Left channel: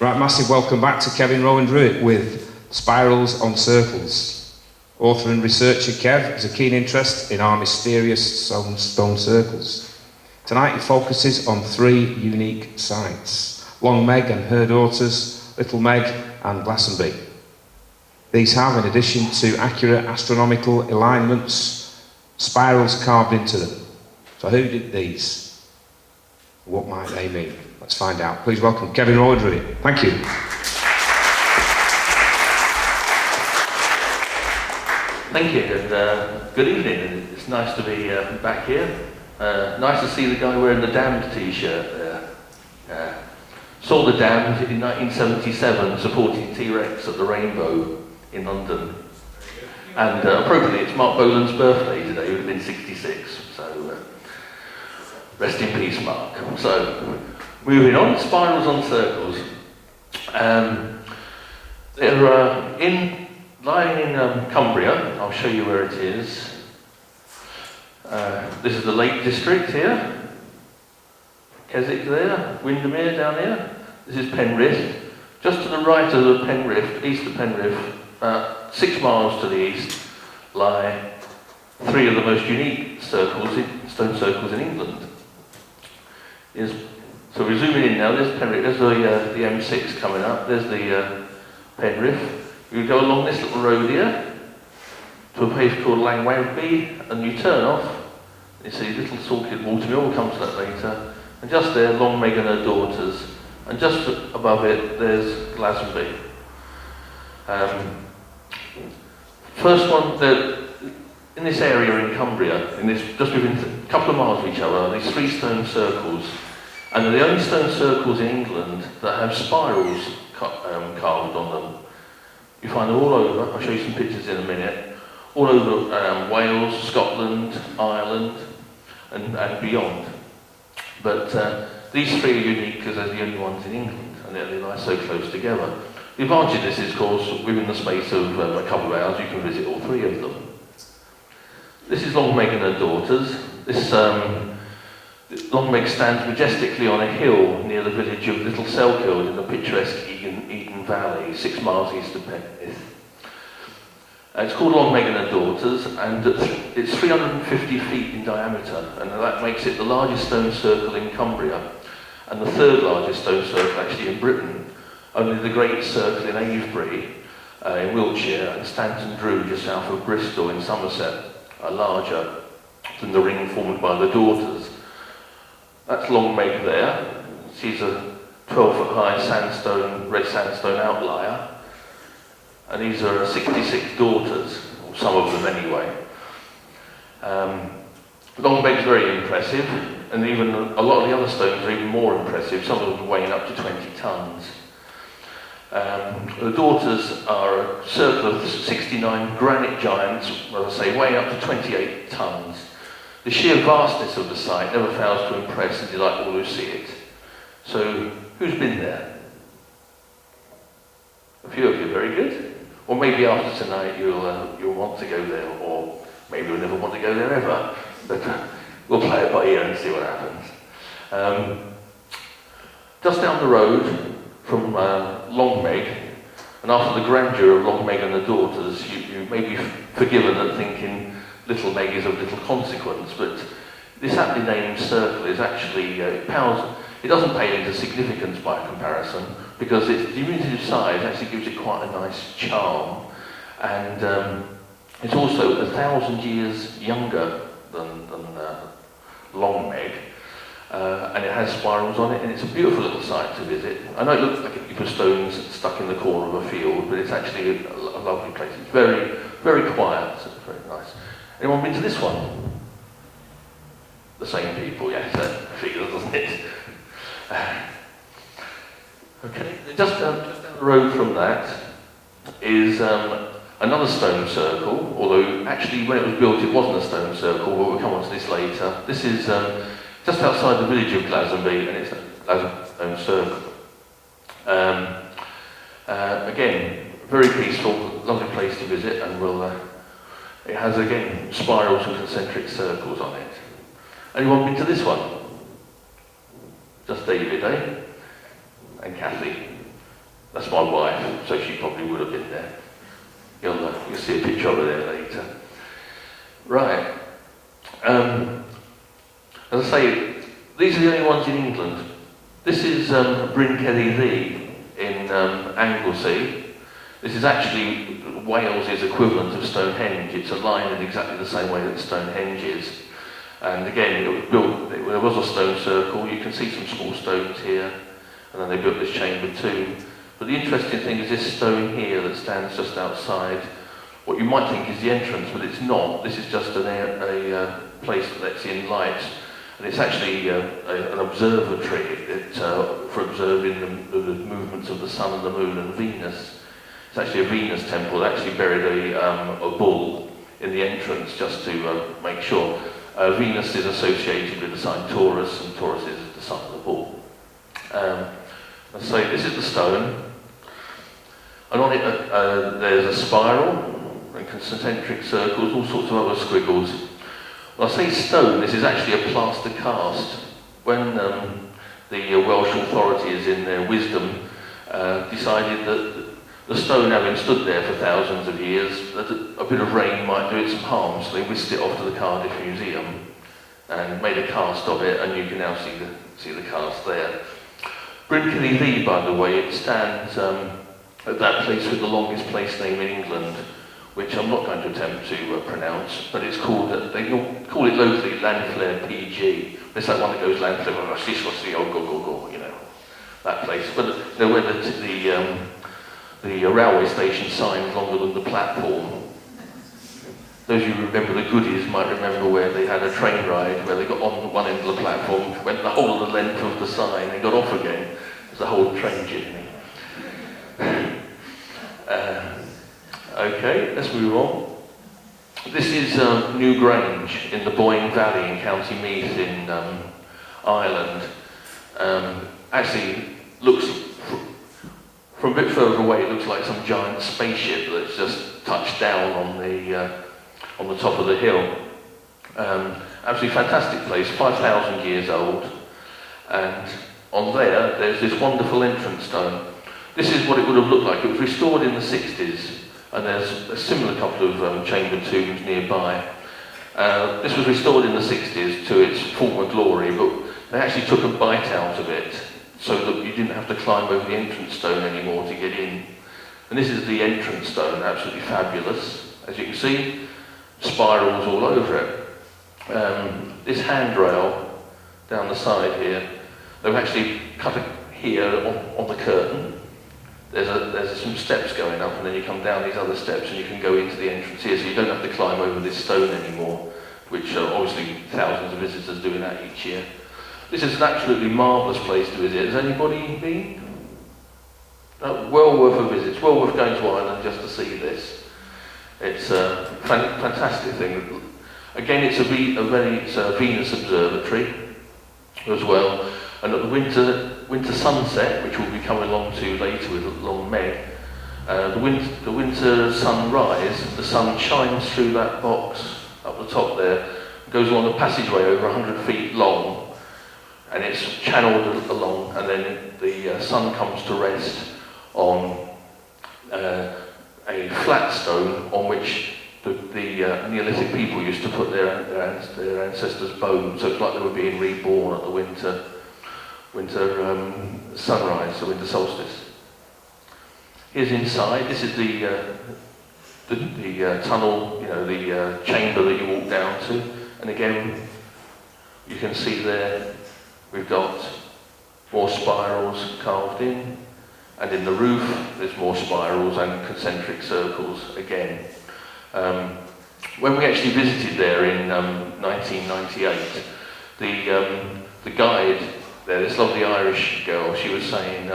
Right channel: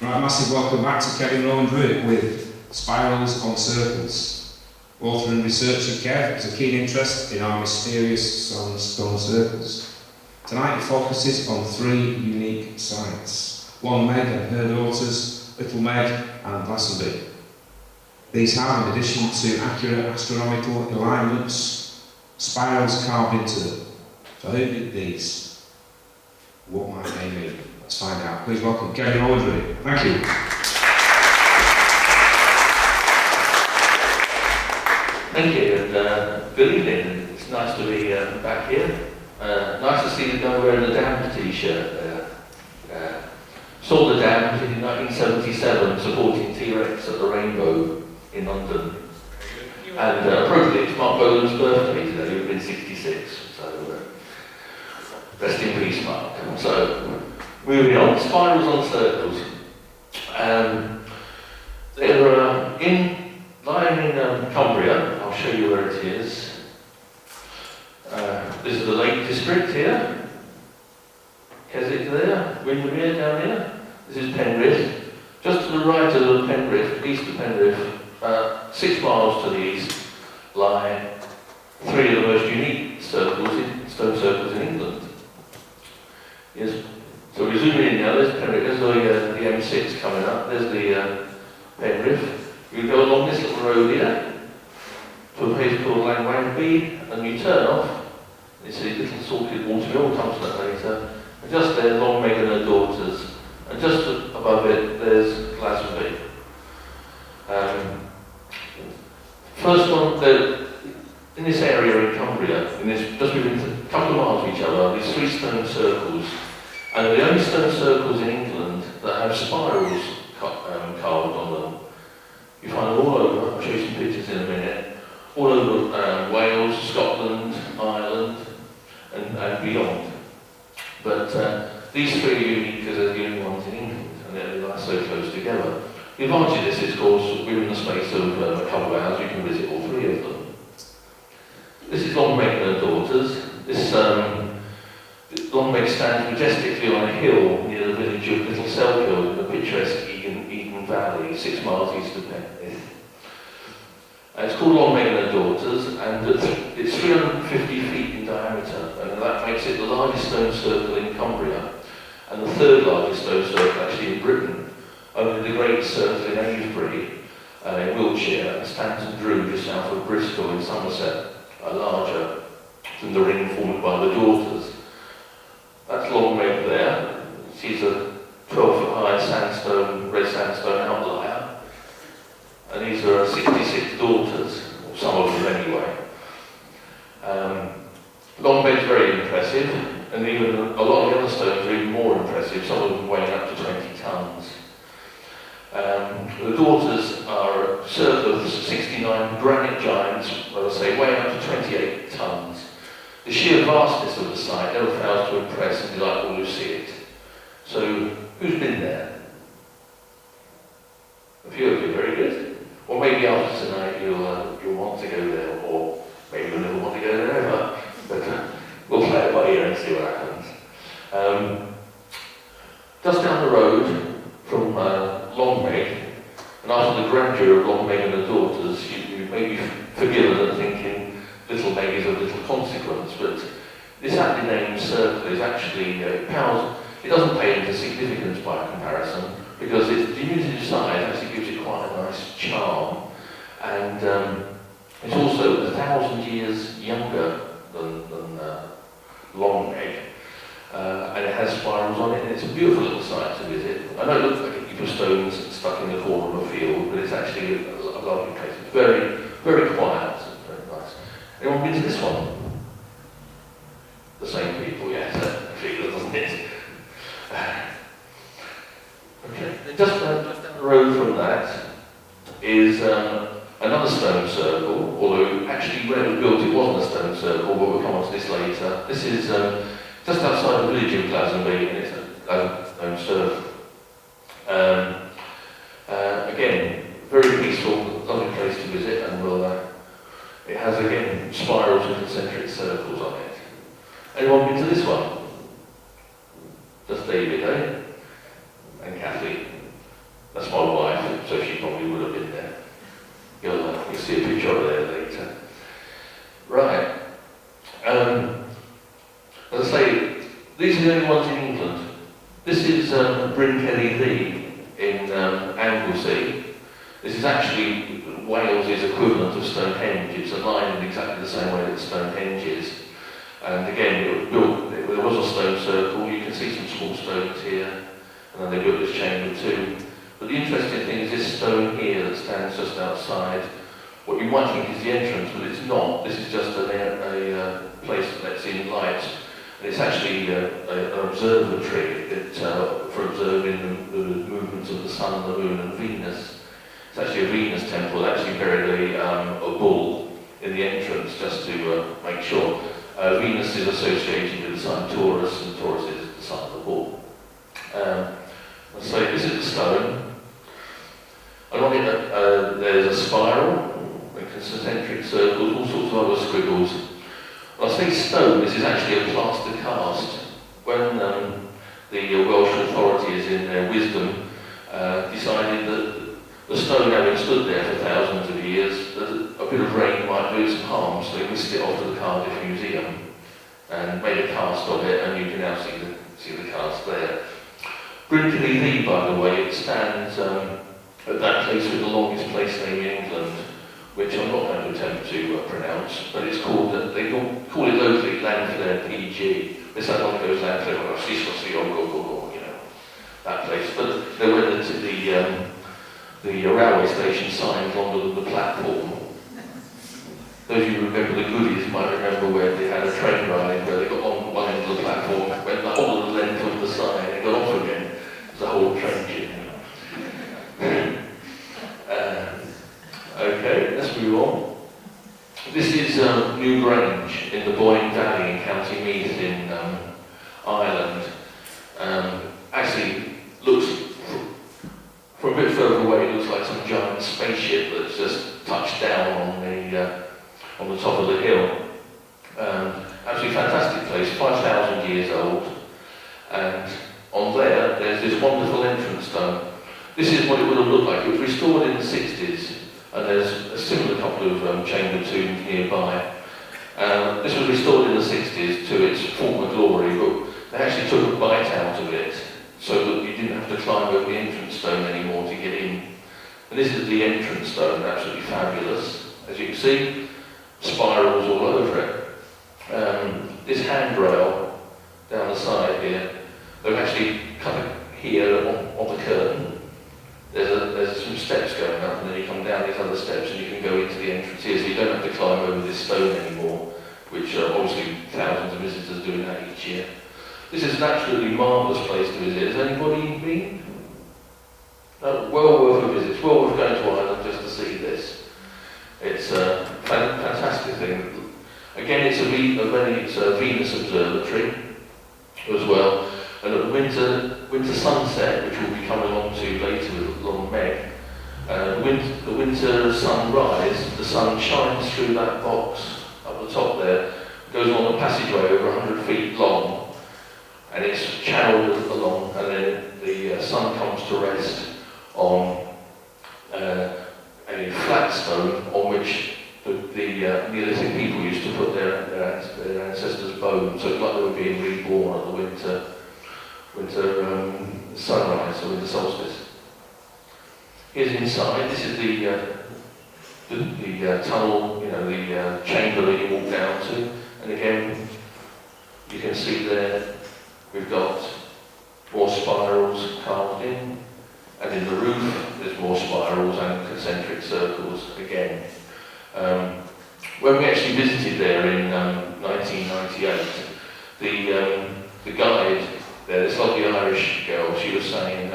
Right, massive welcome back to Kevin Rowan-Drewitt with Spirals on Circles. Author and researcher Kev has a keen interest in our mysterious stone circles. Tonight he focuses on 3 unique sites: Long Meg and her daughters, Little Meg and Glastonbury. These have, in addition to accurate astronomical alignments, spirals carved into them. So who did these? What might they mean? Let's find out. Please welcome Kevin Rowan-Drewitt. Thank you. Thank you, and good evening. It's nice to be back here. Nice to see the guy wearing the Damned t-shirt. Saw the Damned in 1977 supporting T-Rex at the Rainbow in London. And appropriately, it's Mark Bolan's birthday today, he was in 66. So rest in peace, Mark. So moving on, spirals on circles. They're lying in Cumbria. I'll show you where it is. This is the Lake District here. Keswick there, Windermere down here. This is Penrith. Just to the right of Penrith, east of Penrith, 6 miles to the east, lie 3 of the most unique stone circles in England. So we're zooming in now. There's Penrith. There's the M6 coming up. There's the Penrith. You go along this little road here to a place called Langwangby, and you turn off. You see little salted water. We'll come to that later. And just there, Long Meg and her daughters. And just above it, there's Glastonbury. First one, in this area in Cumbria, just within a couple of miles of each other, these 3 stone circles. And the only stone circles in England that have spirals carved on them. You find all over, I'll show you some pictures in a minute, all over Wales, Scotland, Ireland, and beyond. But these 3 are unique because they're the only ones in England, and they lie so close together. The advantage of this is, of course, within the space of a couple of hours, you can visit all 3 of them. This is Long Meg and her daughters. This Long Meg stands majestically on a hill near the village of Little Selkirk in the picturesque Eden Valley, 6 miles east of Penrith. It's called Long Meg and her daughters, and it's 350 feet in diameter, and that makes it the largest stone circle in Cumbria, and the 3rd largest stone circle actually in Britain. Only the Great Circle in Avebury, in Wiltshire, and Stanton Drew just south of Bristol in Somerset are larger than the ring formed by the daughters. That's Long Meg there. She's a 12-foot high sandstone, red sandstone outlier. And these are 66 daughters, or some of them anyway. Long Meg's very impressive, and even a lot of the other stones are even more impressive, some of them weighing up to 20 tonnes. The daughters are a circle of 69 granite giants, as I say, weighing up to 28 tonnes. The sheer vastness of the site never fails to impress and delight all who see it. So, who's been there? A few of you, very good. Or maybe after tonight you'll want to go there, or maybe you'll never want to go there ever. But we'll play it by ear and see what happens. Just down the road from Long Meg, and after the grandeur of Long Meg and the daughters, you may be forgiven at thinking Little Meg is of little consequence, but this aptly named circle is actually, it doesn't pay into significance by comparison, because its diminutive size actually gives it quite a nice charm, and it's also 1,000 years younger than Long Meg, and it has spirals on it, and it's a beautiful little site to visit. I know it looks like a heap of stones stuck in the corner of a field, but it's actually a lovely place. It's very, very quiet, very nice. Anyone been to this one? The same people, yes, that feels, doesn't it? Okay, just down the road from that is another stone circle, although actually when it was built it wasn't a stone circle, we'll come on to this later. This is just outside the village of Glastonbury, and it's a stone circle. Again, very peaceful, lovely place to visit, and it has again spirals with concentric circles on it. Anyone been to this one? Just David, eh? This is Bryn Celyn Lee in Anglesey. This is actually Wales's equivalent of Stonehenge. It's aligned exactly the same way that Stonehenge is. And again, it was built, there was a stone circle. You can see some small stones here, and then they built this chamber too. But the interesting thing is this stone here that stands just outside. What you might think is the entrance, but it's not. This is just a place that lets in light. And it's actually an observatory for observing the movements of the sun, the moon, and Venus. It's actually a Venus temple. They actually buried a bull in the entrance just to make sure. Venus is associated with the sign Taurus, and Taurus is the sign of the bull. So this is the stone, and on it there's a spiral, and concentric circles, all sorts of other squiggles. When I say stone, this is actually a plaster cast. When the Welsh authorities, in their wisdom, decided that the stone having stood there for thousands of years, that a bit of rain might do it some harm, so they whisked it off to the Cardiff Museum and made a cast of it, and you can now see the cast there. Bryn Celyn Lee, by the way, it stands at that place with the longest place name in England, which I'm not going to attempt to pronounce, but it's called, they call it locally Llanfair PG. It's like one of those Llanfair, you know, that place. But they're where the railway station signs longer than the platform. Those of you who remember the goodies might remember where they had a train ride where they got on one end of the platform, went the whole of the length of the sign, and got off again. It's a whole train journey. Okay, let's move on. This is New Grange in the Boyne Valley in County Meath in Ireland. Actually, looks from a bit further away, it looks like some giant spaceship that's just touched down on the top of the hill. Absolutely fantastic place, 5,000 years old, and on there's this wonderful entrance stone. This is what it would have looked like. It was restored in the 60s, and there's a similar couple of chamber tombs nearby. This was restored in the 60s to its former glory, but they actually took a bite out of it so that you didn't have to climb over the entrance stone anymore to get in. And this is the entrance stone, absolutely fabulous. As you can see, spirals all over it. This handrail down the side here, they've actually cut it here on the curtain. There's some steps going up, and then you come down these other steps and you can go into the entrance here, so you don't have to climb over this stone anymore, which obviously thousands of visitors do that each year. This is an absolutely marvellous place to visit. Has anybody been? Well worth a visit. It's well worth going to Ireland just to see this. It's a fantastic thing. Again, it's a Venus observatory as well. And at the winter sunset, which we'll be coming along to later with Lord Meg, the winter sunrise, the sun shines through that box up the top there, goes along a passageway over 100 feet long, and it's channeled along, and then the sun comes to rest on a flat stone on which the Neolithic people used to put their ancestors' bones, so it's like they were being reborn at the winter sunrise, or winter solstice. Here's inside. This is the tunnel, the chamber that you walk down to, and again you can see there we've got more spirals carved in, and in the roof there's more spirals and concentric circles again. When we actually visited there in 1998, the guide there, this lovely Irish girl, she was saying,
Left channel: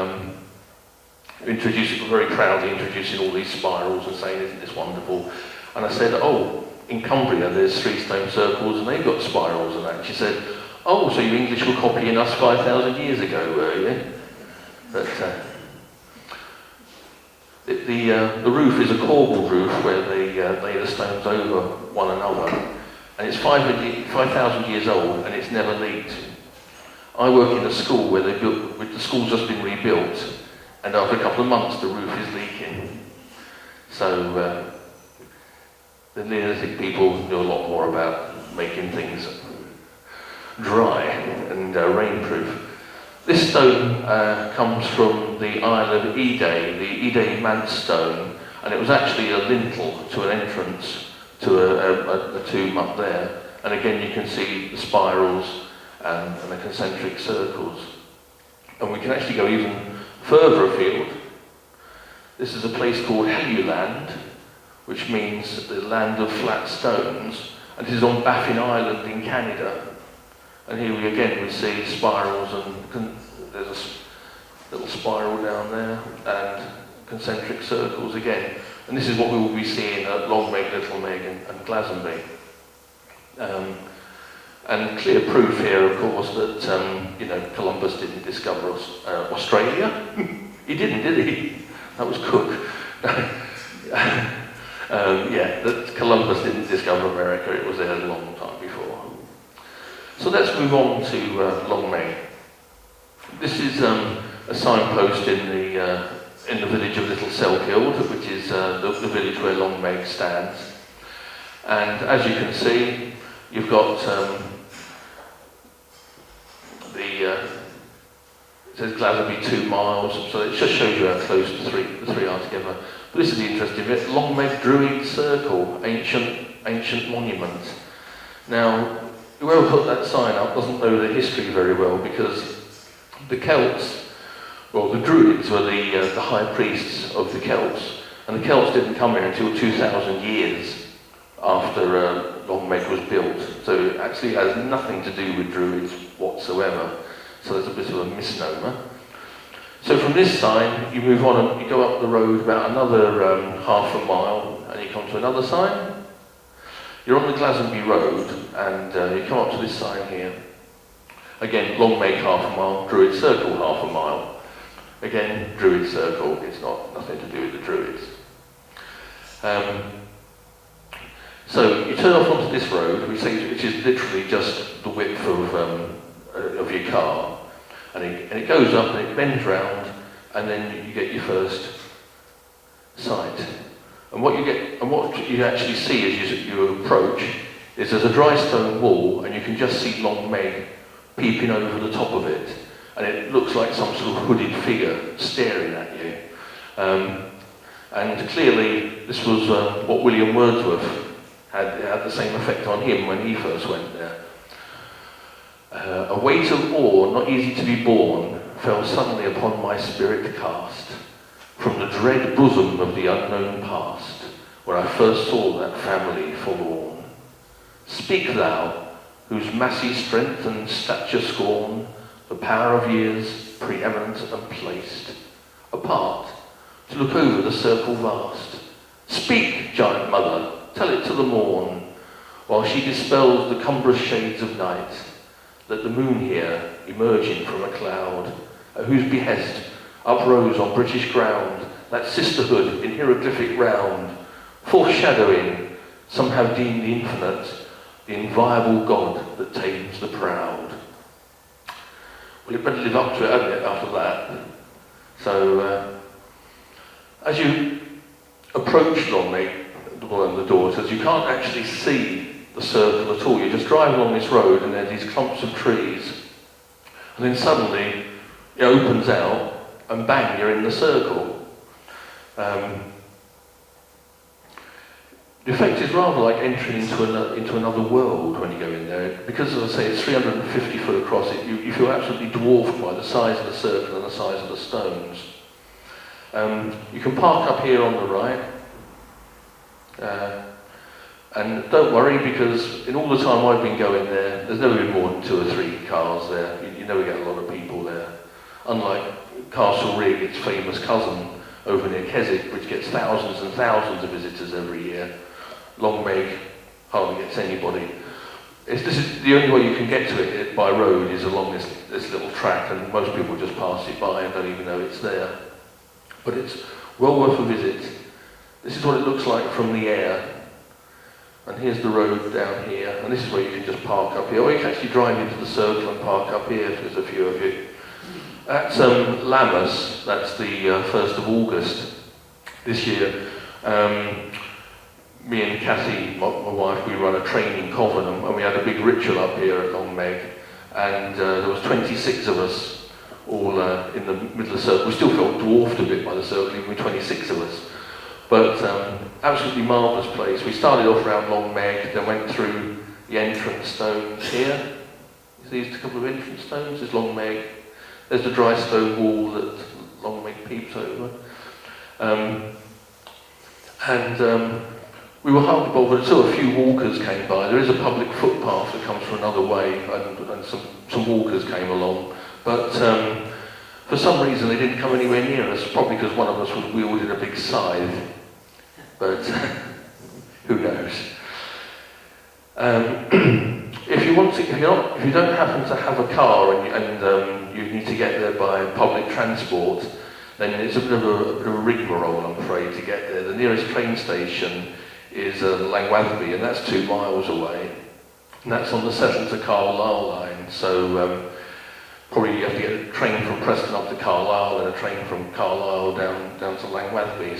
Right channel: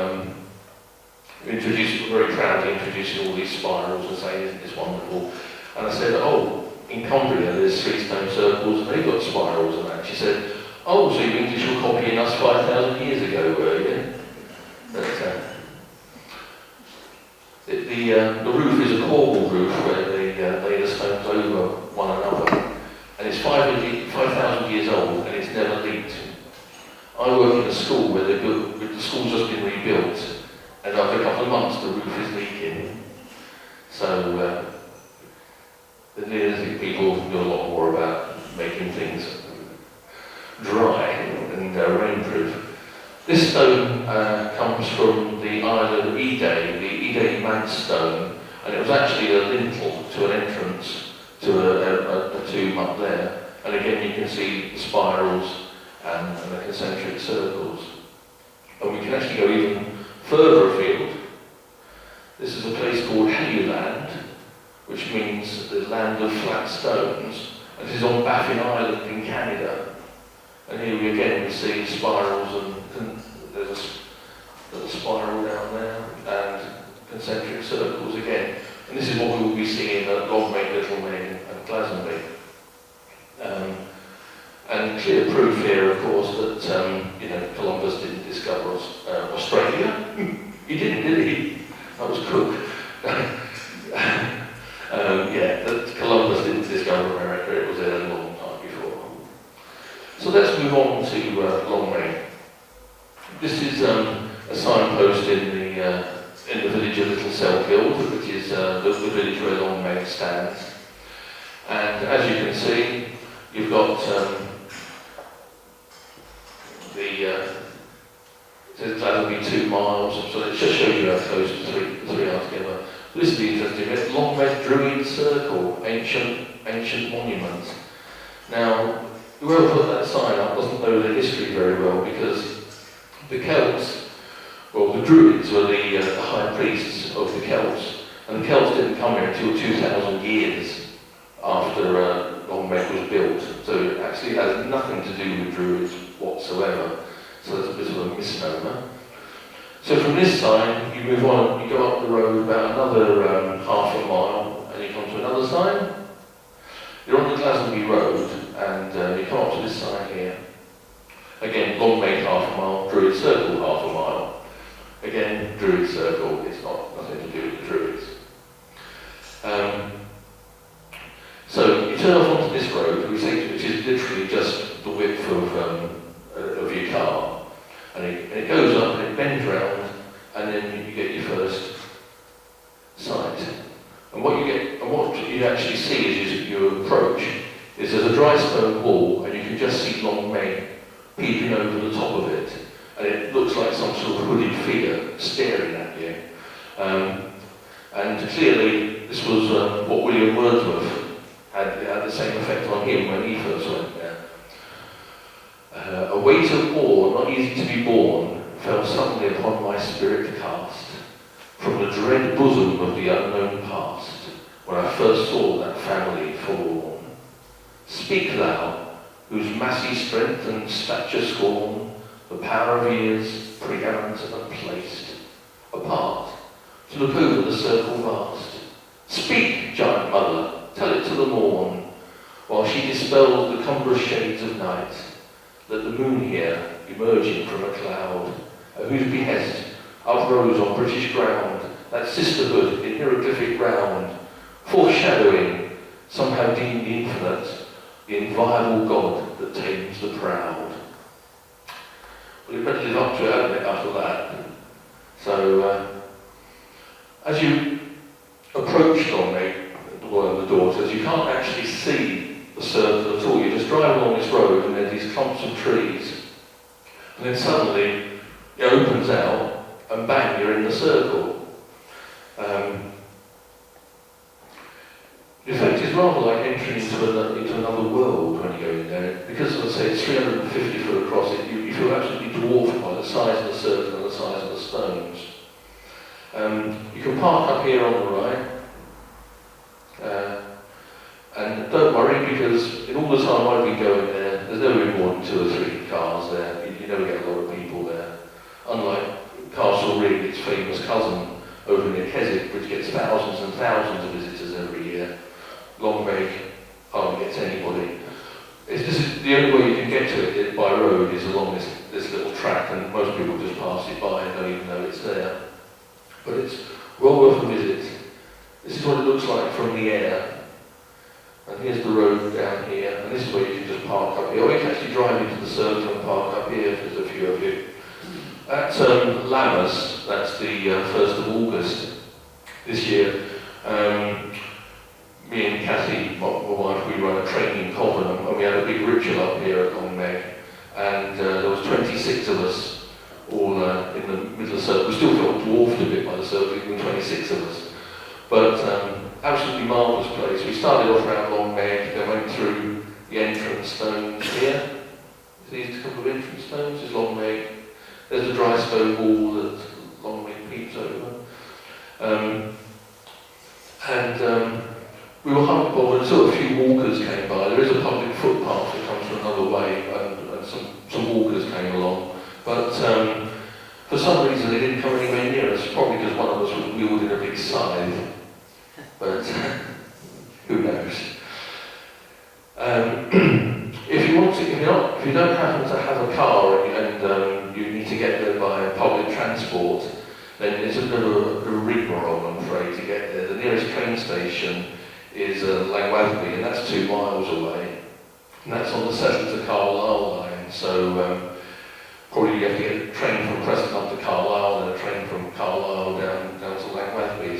very proudly introducing all these spirals and saying, isn't this wonderful? And I said, oh, in Cumbria there's 3 stone circles and they've got spirals and that. She said, oh, so you English were copying us 5,000 years ago, were you? But, the roof is a corbel roof where they lay the stones over one another. And it's 5,000 years old and it's never leaked. I work in a school where the school's just been rebuilt, and after a couple of months the roof is leaking. So the Neolithic people know a lot more about making things dry and rainproof. This stone comes from the island of Ede, the DEJAN stone, and it was actually a lintel to an entrance to a tomb up there. And again, you can see the spirals and the concentric circles. And we can actually go even further afield. This is a place called Rowan-Drewitt, which means the land of flat stones, and it is on Baffin Island in Canada. And here we again see spirals, and there's a little spiral down there, and concentric circles again. And this is what we will be seeing at Longmeg, Little Meg, and Glastonbury. And clear proof here, of course, that Columbus didn't discover Australia. He didn't, did he? That was Cook. That Columbus didn't discover America. It was there a long time before. So let's move on to Longmeg. This is a signpost in the village of Little Selkirk, which is the village where Longmeg stands. And as you can see, you've got it says Glastonbury 2 miles, so it just shows you how close the three are together. But this is the interesting bit, Rowan-Drewitt Circle, ancient monument. Now, whoever put that sign up doesn't know the history very well, because the Celts, well, the Druids were the high priests of the Celts, and the Celts didn't come here until 2,000 years after Longmeg was built, so it actually has nothing to do with Druids whatsoever. So that's a bit of a misnomer. So from this sign, you move on, you go up the road about another half a mile, and you come to another sign. You're on the Glastonbury Road, and you come up to this sign here. Again, Longmeg half a mile, Druid Circle half a mile. Again, Druid Circle, it's got nothing to do with the Druids. So you turn off onto this road, which is literally just the width of your car, and it goes up and it bends round, and then you get your first sight. And what you actually see as you approach is there's a dry stone wall, and you can just see Longmeg peeping over the top of it, and it looks like some sort of hooded figure staring at you. And clearly, this was what William Wordsworth had the same effect on him when he first went there. A weight of awe, not easy to be borne, fell suddenly upon my spirit cast, from the dread bosom of the unknown past, where I first saw that family forlorn. Speak thou, whose massy strength and stature scorn the power of years preeminent and placed, apart, to look over the circle vast. Speak, giant mother, tell it to the morn, while she dispels the cumbrous shades of night, that the moon here, emerging from a cloud, at whose behest uprose on British ground that sisterhood in hieroglyphic round, foreshadowing, somehow deemed infinite, the inviolable God that tames the proud. But it better live up to it, hasn't it, after that? So, as you approach Longmeg, one of the daughters, you can't actually see the circle at all. You just drive along this road and there's these clumps of trees. And then suddenly it opens out and bang, you're in the circle. The effect is rather like entering into another world when you go in there. Because, as I say, it's 350 foot across, you feel absolutely dwarfed by the size of the circle and the size of the stones. You can park up here on the right. And don't worry, because in all the time I've been going there, there's never been more than 2 or 3 cars there. You never get a lot of people there. Unlike Castle Rig, its famous cousin over near Keswick, which gets thousands and thousands of visitors every year. Longmeg hardly gets anybody. This is the only way you can get to it by road is along this little track, and most people just pass it by and don't even know it's there. But it's well worth a visit. This is what it looks like from the air. And here's the road down here, and this is where you can just park up here. Or you can actually drive into the circle and park up here if there's a few of you. At Lammas, that's the 1st of August this year, me and Cathy, my wife, we run a training coven, and we had a big ritual up here at Longmeg, and there was 26 of us the middle of the circle. We still felt dwarfed a bit by the circle, even 26 of us. But absolutely marvellous place. We started off around Long Meg, then went through the entrance stones here. These couple of entrance stones, there's Long Meg. There's the dry stone wall that Long Meg peeps over. We were humbled until a few walkers came by. There is a public footpath that comes from another way, and some walkers came along. But for some reason they didn't come anywhere near us, probably because one of us was wielding a big scythe. But who knows? If you don't happen to have a car and you need to get there by public transport, then it's a bit of a rigmarole, I'm afraid, to get there. The nearest train station is Langwatherby, and that's 2 miles away. And that's on the Settle to Carlisle line, so probably you have to get a train from Preston up to Carlisle, and a train from Carlisle down to Langwatherby,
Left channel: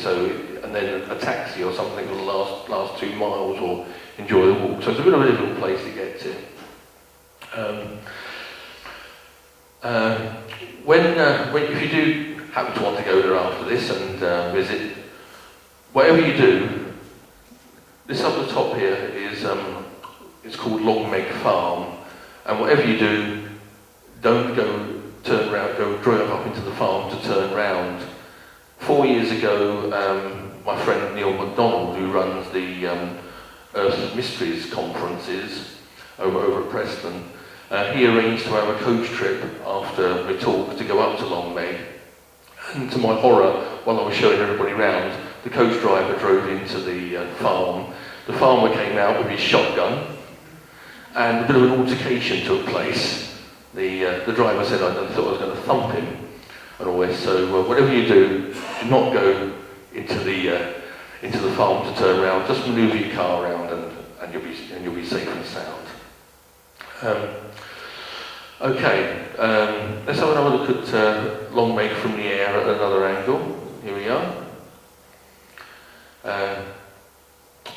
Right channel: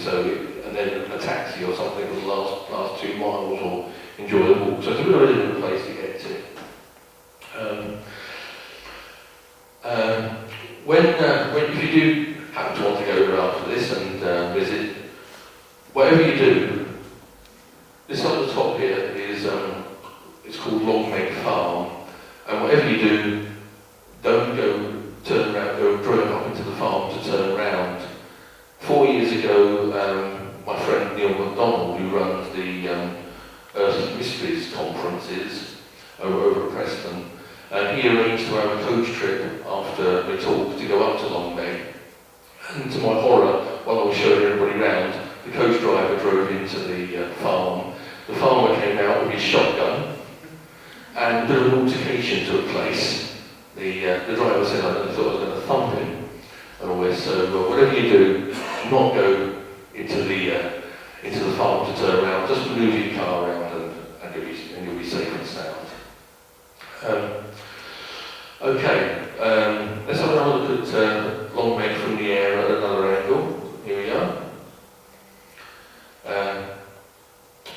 and then a taxi or something for the last 2 miles, or enjoy the walk. So it's a bit of a different place to get to. If you do happen to want to go there after this and visit, whatever you do, this up the top here is it's called Long Meg Farm, and whatever you do, don't turn around, go drove up into the farm to turn around. 4 years ago, my friend Neil MacDonald, who runs the Earth Mysteries conferences over at Preston, he arranged to have a coach trip after we talked to go up to Long Meg. And to my horror, while I was showing everybody around, the coach driver drove into the farm. The farmer came out with his shotgun, and a bit of an altercation took place. The driver said I thought I was going to thump him. So whatever you do not go into the farm to turn around. Just move your car around and you'll be safe and sound. Okay, let's have another look at Long Meg from the air at another angle. Here we are.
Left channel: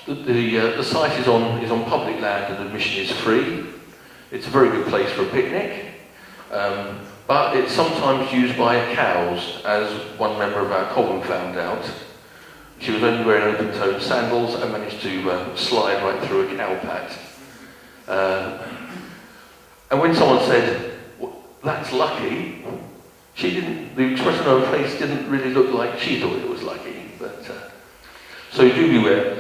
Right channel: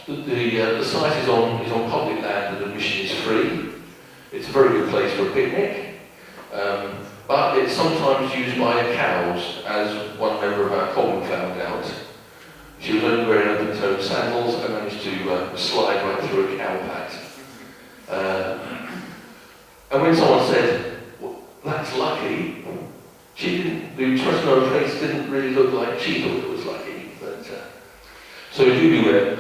The site is on public land and admission is free. It's a very good place for a picnic, but it's sometimes used by cows, as one member of our column found out. She was only wearing open-toed sandals and managed to slide right through a cow pat. And when someone said, well, "That's lucky," the expression on her face didn't really look like she thought it was lucky. But so you do beware.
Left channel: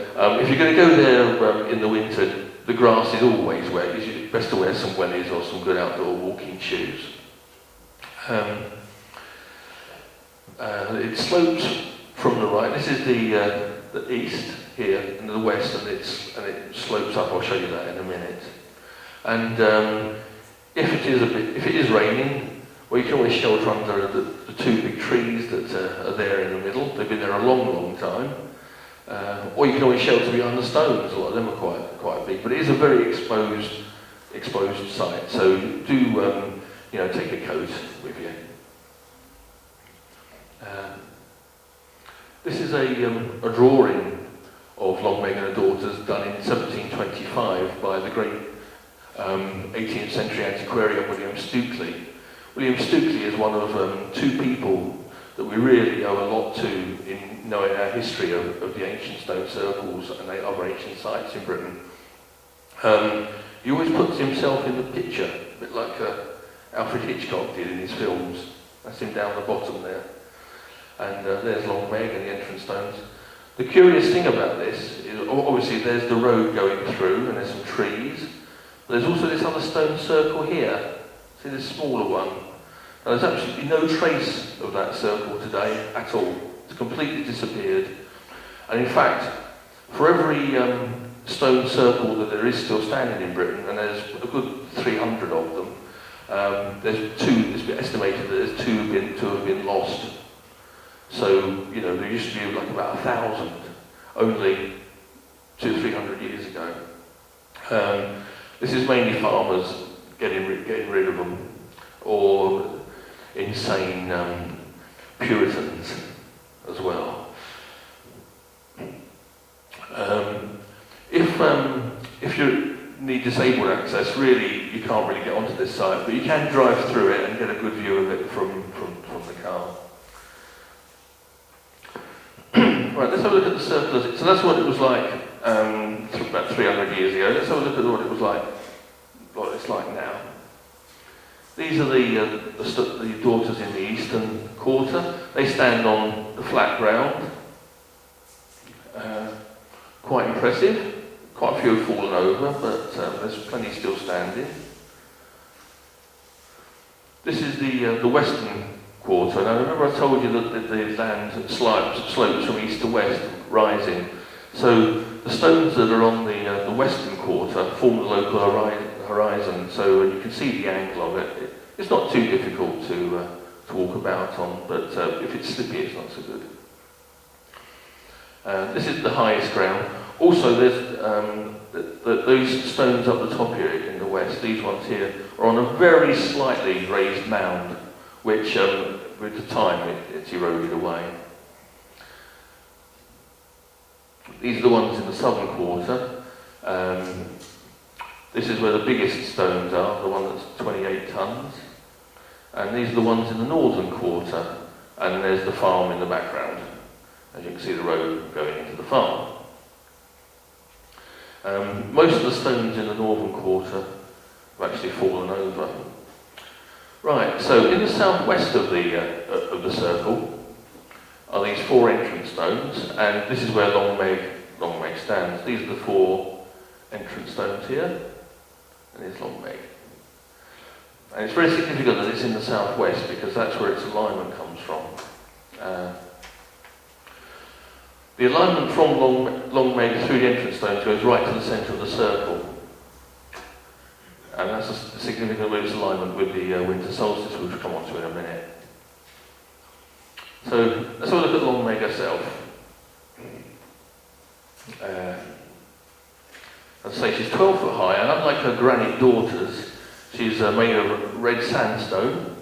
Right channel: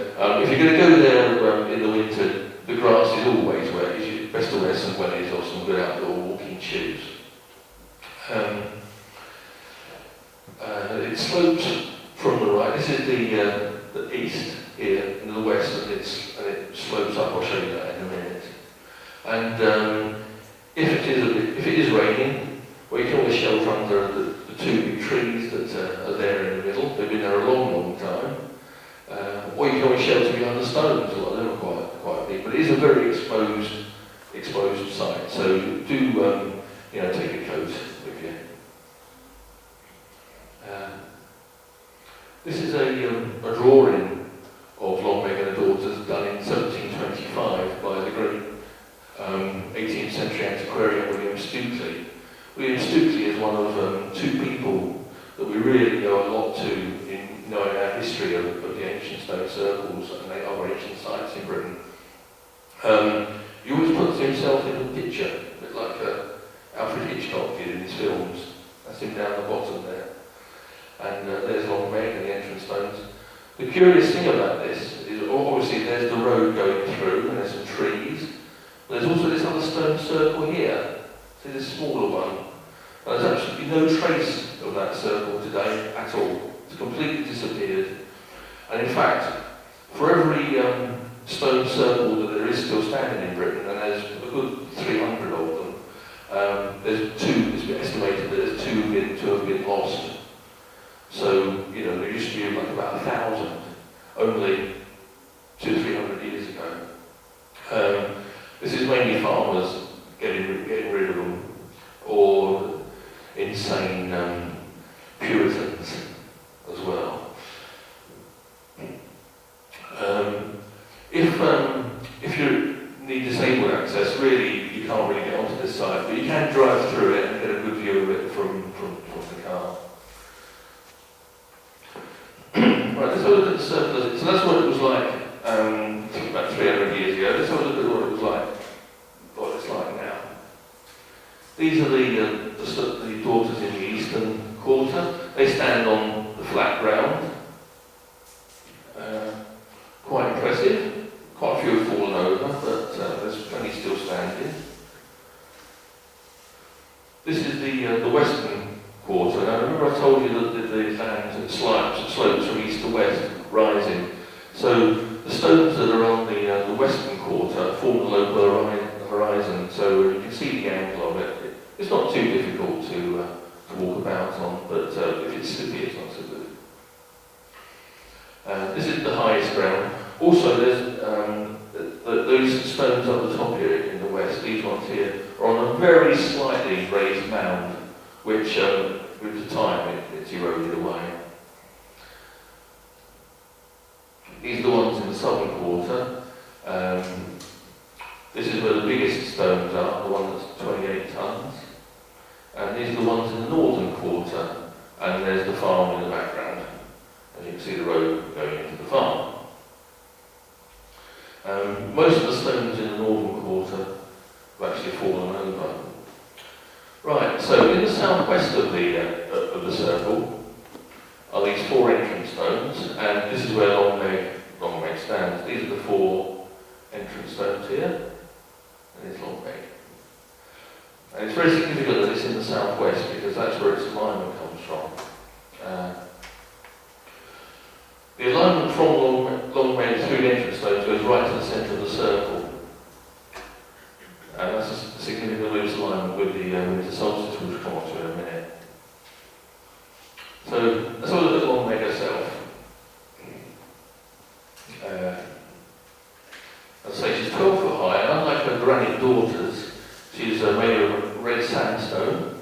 If you're going to go there in the winter, the grass is always wet. It's best to wear some wellies or some good outdoor walking shoes. It slopes from the right. This is the east here, and the west, and it slopes up. I'll show you that in a minute. And if it is raining, well, you can always shelter under the 2 big trees that are there in the middle. They've been there a long, long time. Or you can always shelter behind the stones. Well, they're not quite big, but it is a very exposed site. So do take a coat with you. This is a drawing of Long Meg and her daughters done in 1725 by the great 18th century antiquarian William Stukeley. William Stukeley is one of 2 people that we really owe a lot to in knowing our history of the ancient stone circles and the other ancient sites in Britain. He always puts himself in the picture, a bit like Alfred Hitchcock did in his films. That's him down the bottom there. And there's Long Meg and the entrance stones. The curious thing about this is obviously there's the road going through and there's some trees. There's also this other stone circle here. See this smaller one. And there's absolutely no trace of that circle today at all. It's completely disappeared. And in fact, for every stone circle that there is still standing in Britain, and there's a good 300 of them, there's 2, it's been estimated that there's 2 have been lost. So, there used to be like about 1,000, only 200-300 years ago. This is mainly farmers getting rid of them, or insane Puritans as well. If you need disabled access, really you can't really get onto this site, but you can drive through it and get a good view of it from the car. circle, so that's what it was like about 300 years ago. Let's have a look at what it was like, what it's like now. These are the daughters in the eastern quarter. They stand on the flat ground. Quite impressive. Quite a few have fallen over, but there's plenty still standing. This is the western quarter. Now remember I told you that the land slopes from east to west, rising. So the stones that are on the western quarter form the local horizon, so you can see the angle of it. It's not too difficult to walk about on, but if it's slippy, it's not so good. This is the highest ground. Also, there's those stones up the top here in the west, these ones here, are on a very slightly raised mound, which with the time it's eroded away. These are the ones in the southern quarter. This is where the biggest stones are, the one that's 28 tons. And these are the ones in the northern quarter, and there's the farm in the background. And you can see the road going into the farm. Most of the stones in the northern quarter have actually fallen over. Right, so in the southwest of the circle are these four entrance stones, and this is where Long-Meg stands. These are the four entrance stones here, and it's Long-Meg. And it's very significant that it's in the southwest because that's where its alignment comes from. The alignment from Long-Meg through the entrance stones goes right to the centre of the circle. And that's a significant with alignment with the winter solstice, which we'll come on to in a minute. So let's have a look at Long-Meg herself. I'd say she's 12 foot high, and unlike her granite daughters, she's made of red sandstone.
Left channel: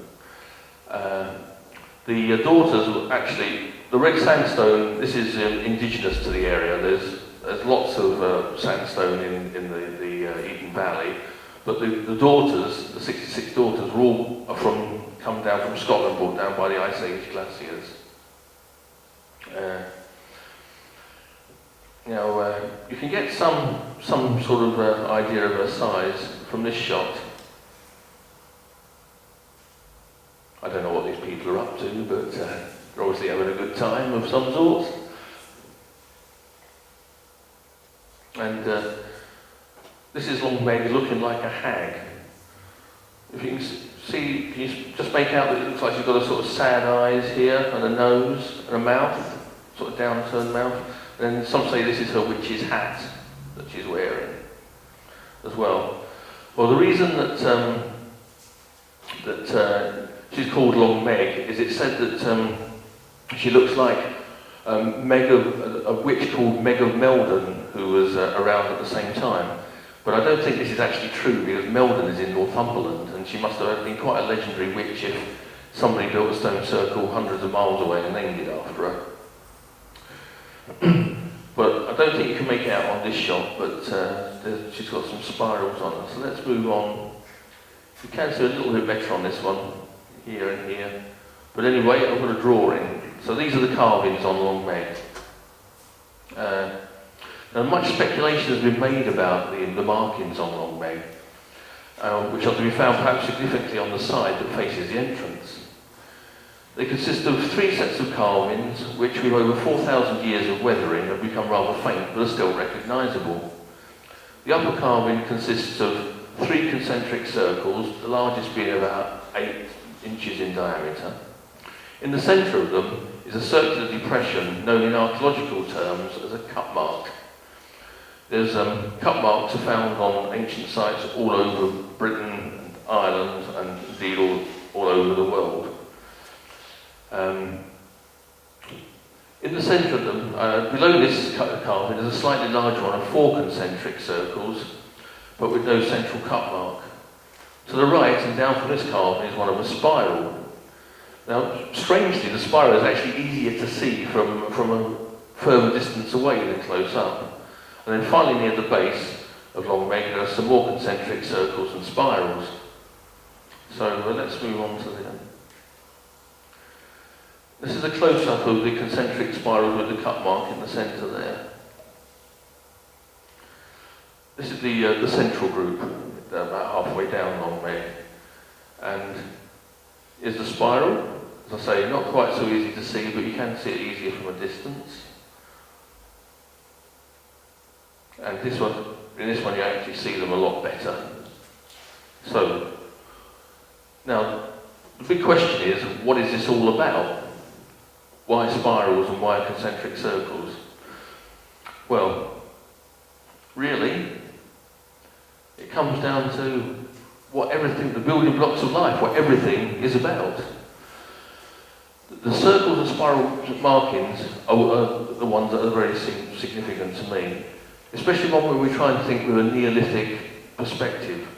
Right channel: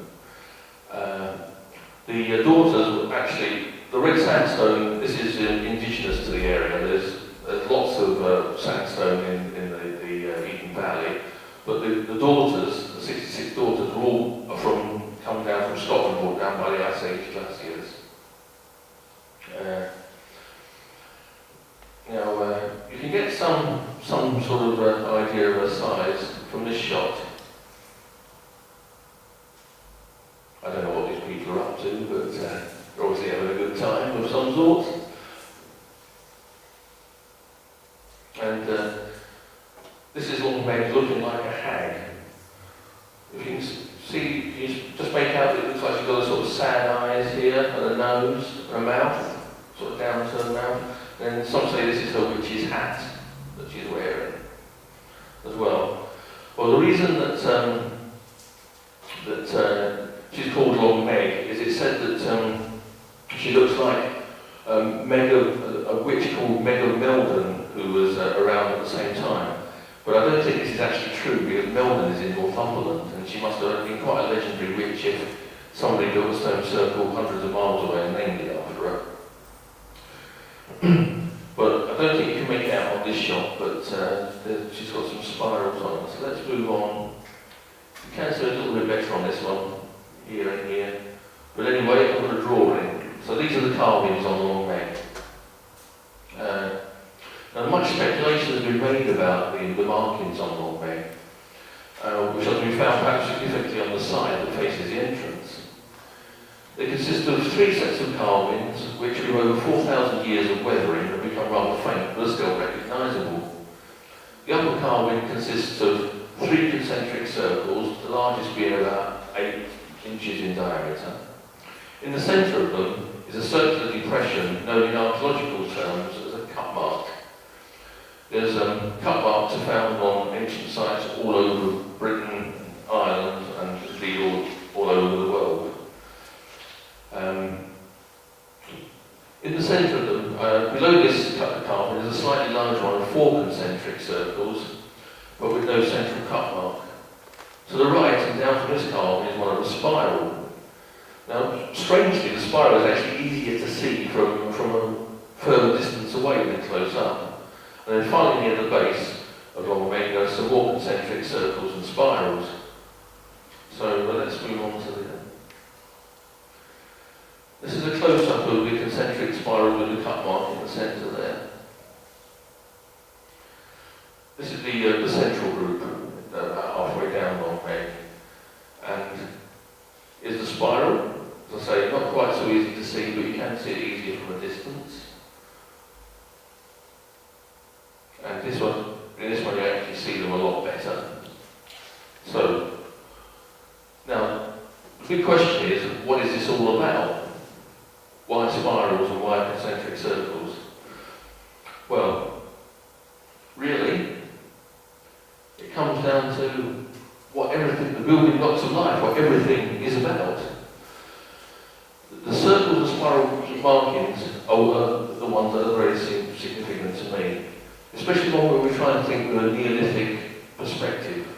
The daughters actually, the red sandstone, this is indigenous to the area. There's lots of sandstone in the Eden Valley, but the daughters, the 66 daughters, are all come down from Scotland, brought down by the Ice Age glaciers. You can get some sort of idea of her size from this shot. I don't know what these people are up to, but they're obviously having a good time of some sort. And this is Long-Meg looking like a hag. If you can see, can you just make out that it looks like she's got a sort of sad eyes here, and a nose, and a mouth, sort of down-turned mouth. Then some say this is her witch's hat that she's wearing as well. Well, the reason that she's called Long-Meg is it's said that she looks like a witch called Meg of Meldon, who was around at the same time. But I don't think this is actually true, because Meldon is in Northumberland, and she must have been quite a legendary witch if somebody built a stone circle hundreds of miles away and named it after her. But I don't think you can make it out on this shot, but she's got some spirals on her. So let's move on. You can see a little bit better on this one, here and here. But anyway, I've got a drawing. So these are the carvings on Long-Meg. Now much speculation has been made about the markings on Long-Meg, which have been found perhaps significantly on the side that faces the entrance. They consist of three sets of carvings, which with over 4,000 years of weathering have become rather faint, but are still recognisable. The upper carving consists of three concentric circles, the largest being about 8 inches in diameter. In the centre of them is a circular depression known in archaeological terms as a cut mark. There's cut marks are found on ancient sites all over Britain, Ireland, and indeed all over the world. In the centre of them, below this carving, there's a slightly larger one of 4 concentric circles, but with no central cut mark. To the right and down from this carving is one of a spiral. Now, strangely, the spiral is actually easier to see from a further distance away than close up. And then finally, near the base of Long-Meg, there are some more concentric circles and spirals. So let's move on to the... This is a close-up of the concentric spiral with the cut mark in the centre there. This is the central group, about halfway down Long Meg. And is the spiral. As I say, not quite so easy to see, but you can see it easily from a distance. And in this one you actually see them a lot better. So, now, the big question is, what is this all about? Why spirals and why concentric circles? Well, really, it comes down to what everything, the building blocks of life, what everything is about. The circles and spiral markings are the ones that are very significant to me, especially when we try to think with a Neolithic perspective.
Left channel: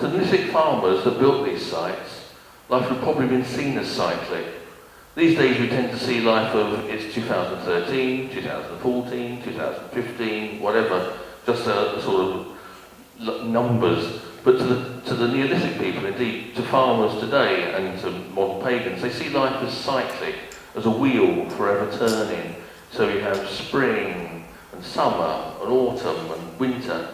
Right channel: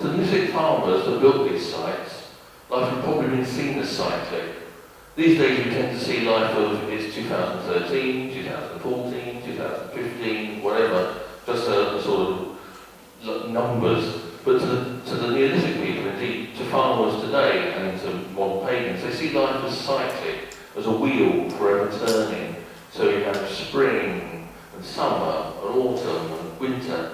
To the Neolithic farmers that built these sites, life had probably been seen as cyclic. These days we tend to see life of it's 2013, 2014, 2015, whatever, just a sort of numbers. But to the Neolithic people, indeed, to farmers today and to modern pagans, they see life as cyclic, as a wheel forever turning. So you have spring and summer and autumn and winter,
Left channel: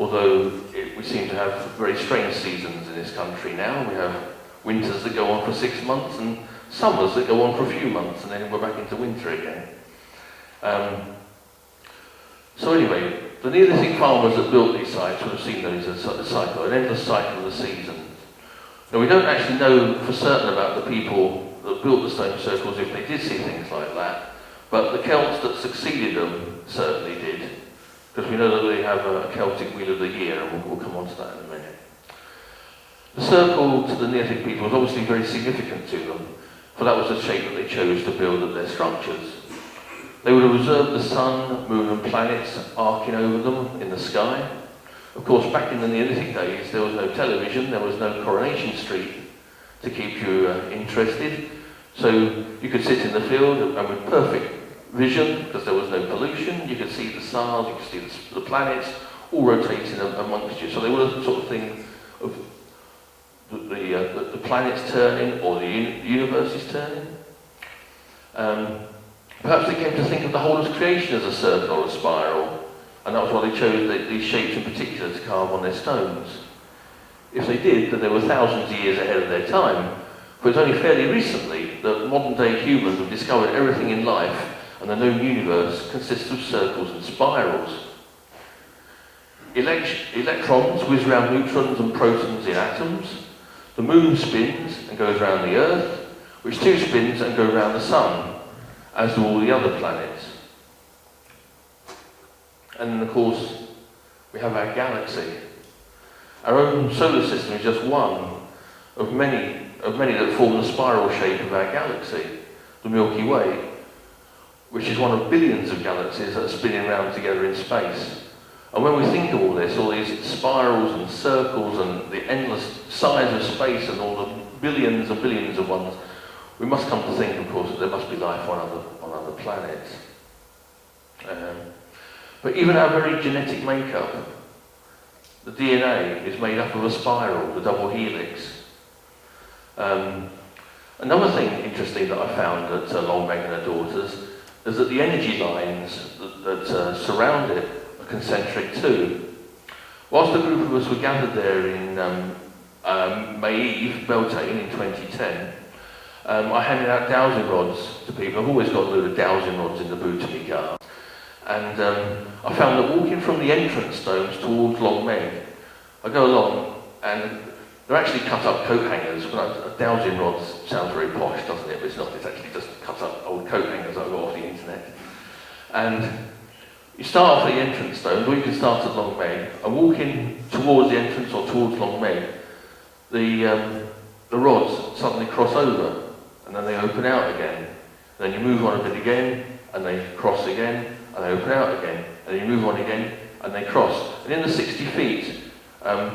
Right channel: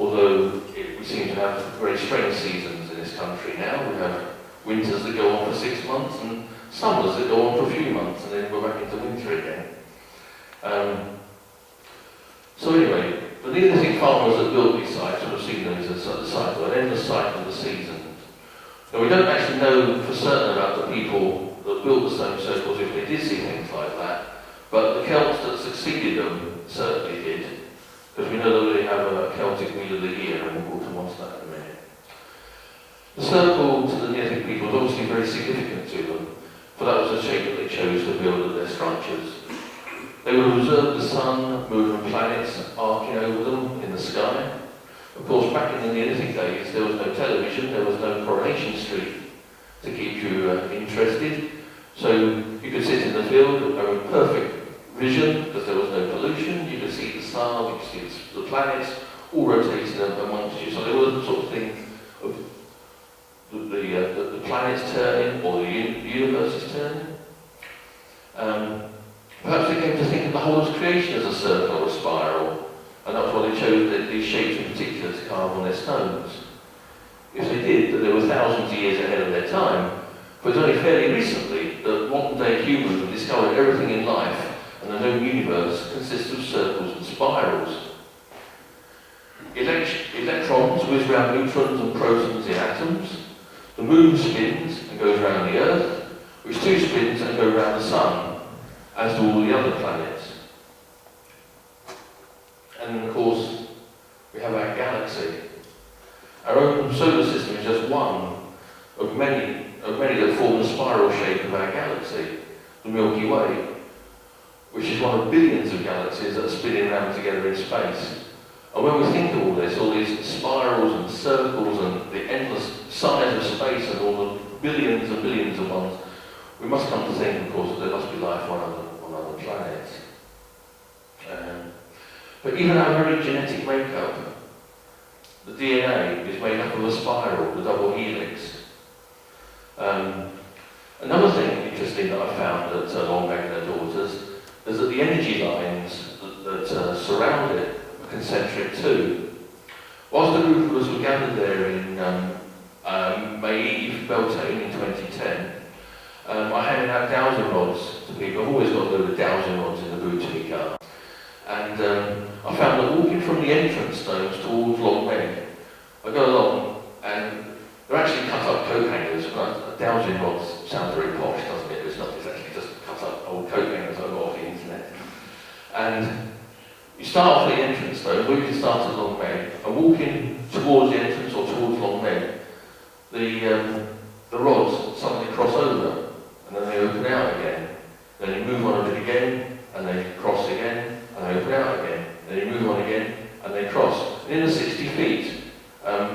although we seem to have very strange seasons in this country now. We have winters that go on for 6 months and summers that go on for a few months, and then we're back into winter again. So anyway, the Neolithic farmers that built these sites would have seen those as a cycle, an endless cycle of the seasons. Now we don't actually know for certain about the people that built the stone circles if they did see things like that, but the Celts that succeeded them certainly did, because we know that they have a Celtic Wheel of the Year, and we'll come on to that in a minute. The circle to the Neolithic people was obviously very significant to them, for that was the shape that they chose to build their structures. They would observe the sun, moon and planets arcing over them in the sky. Of course, back in the Neolithic days, there was no television, there was no Coronation Street to keep you interested. So you could sit in the field with perfect vision, because there was no pollution. You could see the stars, you could see the planets, all rotated amongst you. So there was the sort of thing of the planets turning, or the universe is turning. Perhaps they came to think of the whole of creation as a circle or a spiral, and that's why they chose these shapes in particular to carve on their stones. If they did, then they were thousands of years ahead of their time, but it's only fairly recently that modern day humans have discovered everything in life and the known universe consists of circles and spirals. Electrons whiz around neutrons and protons in atoms. The moon spins and goes around the Earth, which too spins and goes around the sun, as do all the other planets. And of course, we have our galaxy. Our own solar system is just one of many that form the spiral shape of our galaxy, the Milky Way, which is one of billions of galaxies that are spinning around together in space. And when we think of all this, all these spirals and circles and the endless size of space and all the billions and billions of ones, we must come to think, of course, that there must be life on other planets. But even our very genetic makeup, the DNA is made up of a spiral, the double helix. Another thing interesting that I found at Long Meg and her daughters is that the energy lines that surround it are concentric too. Whilst the group of us were gathered there in May Eve, Beltane in 2010, I handed out dowsing rods to people. I've always got the dowsing rods in the boot of my car. And I found that walking from the entrance stones towards Long Meg, I go along and they're actually cut up coat hangers. Dowsing rods sounds very posh, doesn't it? It's not, it's actually just cut up old coat hangers I got off the internet. And you start off at the entrance stone, or you can start at Long Meg, and walking towards the entrance or towards Long Meg, the rods suddenly cross over, and then they open out again. Then you move on a bit again, and they cross again, and they open out again. Then you move on again, and they cross. And in the 60 feet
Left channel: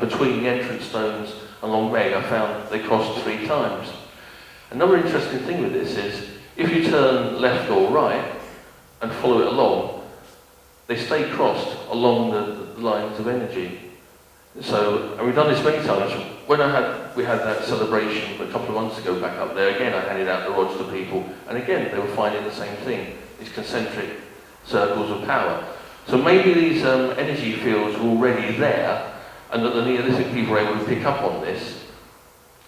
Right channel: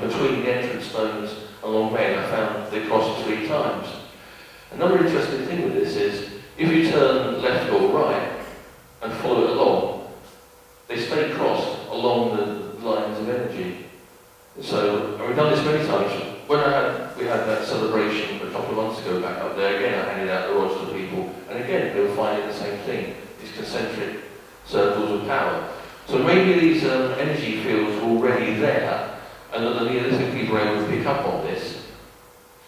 between the entrance stones and Long Meg, I found they crossed 3 times. Another interesting thing with this is, if you turn left or right and follow it along, they stay crossed along the lines of energy. So, and we've done this many times. When we had that celebration a couple of months ago back up there, again I handed out the rods to people again, they were finding the same thing, these concentric circles of power. So maybe these energy fields were already there, and that the Neolithic people were able to pick up on this,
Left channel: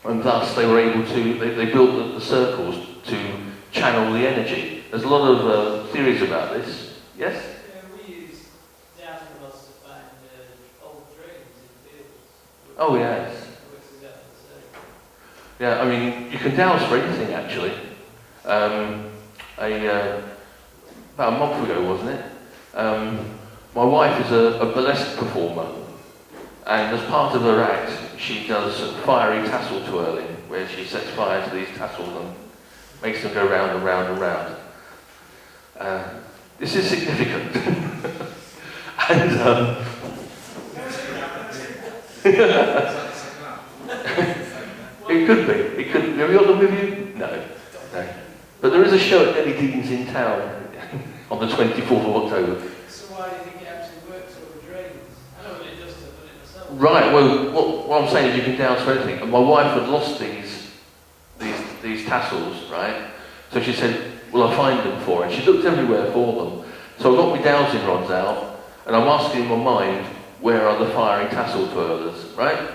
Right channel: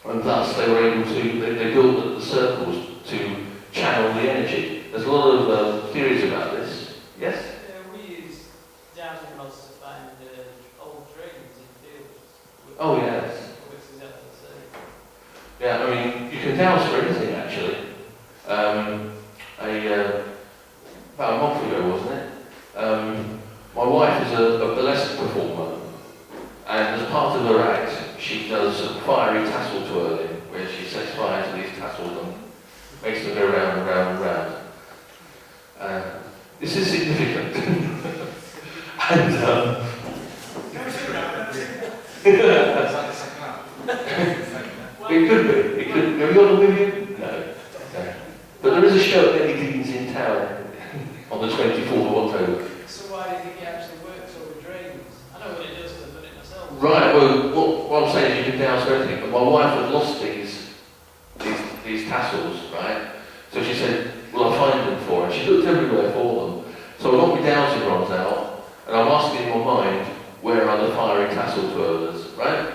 and thus they were able to, they built the circles to channel the energy. There's a lot of theories about this. Yes? Yeah, we use dowsing rods to find old drains in fields. Oh, yes. Which is exactly the same. Yeah, I mean, you can douse for anything, actually. About a month ago, wasn't it? My wife is a burlesque performer, and as part of her act, she does a fiery tassel twirling, where she sets fire to these tassels and makes them go round and round and round. This is significant. And it could be. It could. Have you got a video? No. But there is a show at DEJAN in town on the 24th of October. So why do you think it actually works over drains? I know what it does to put it myself. Right, well, what I'm saying is you can douse for anything. And my wife had lost these tassels, right? So she said, well, I'll find them for her. And she looked everywhere for them. So I got my dowsing rods out, and I'm asking in my mind, where are the fiery tassel twirlers, right?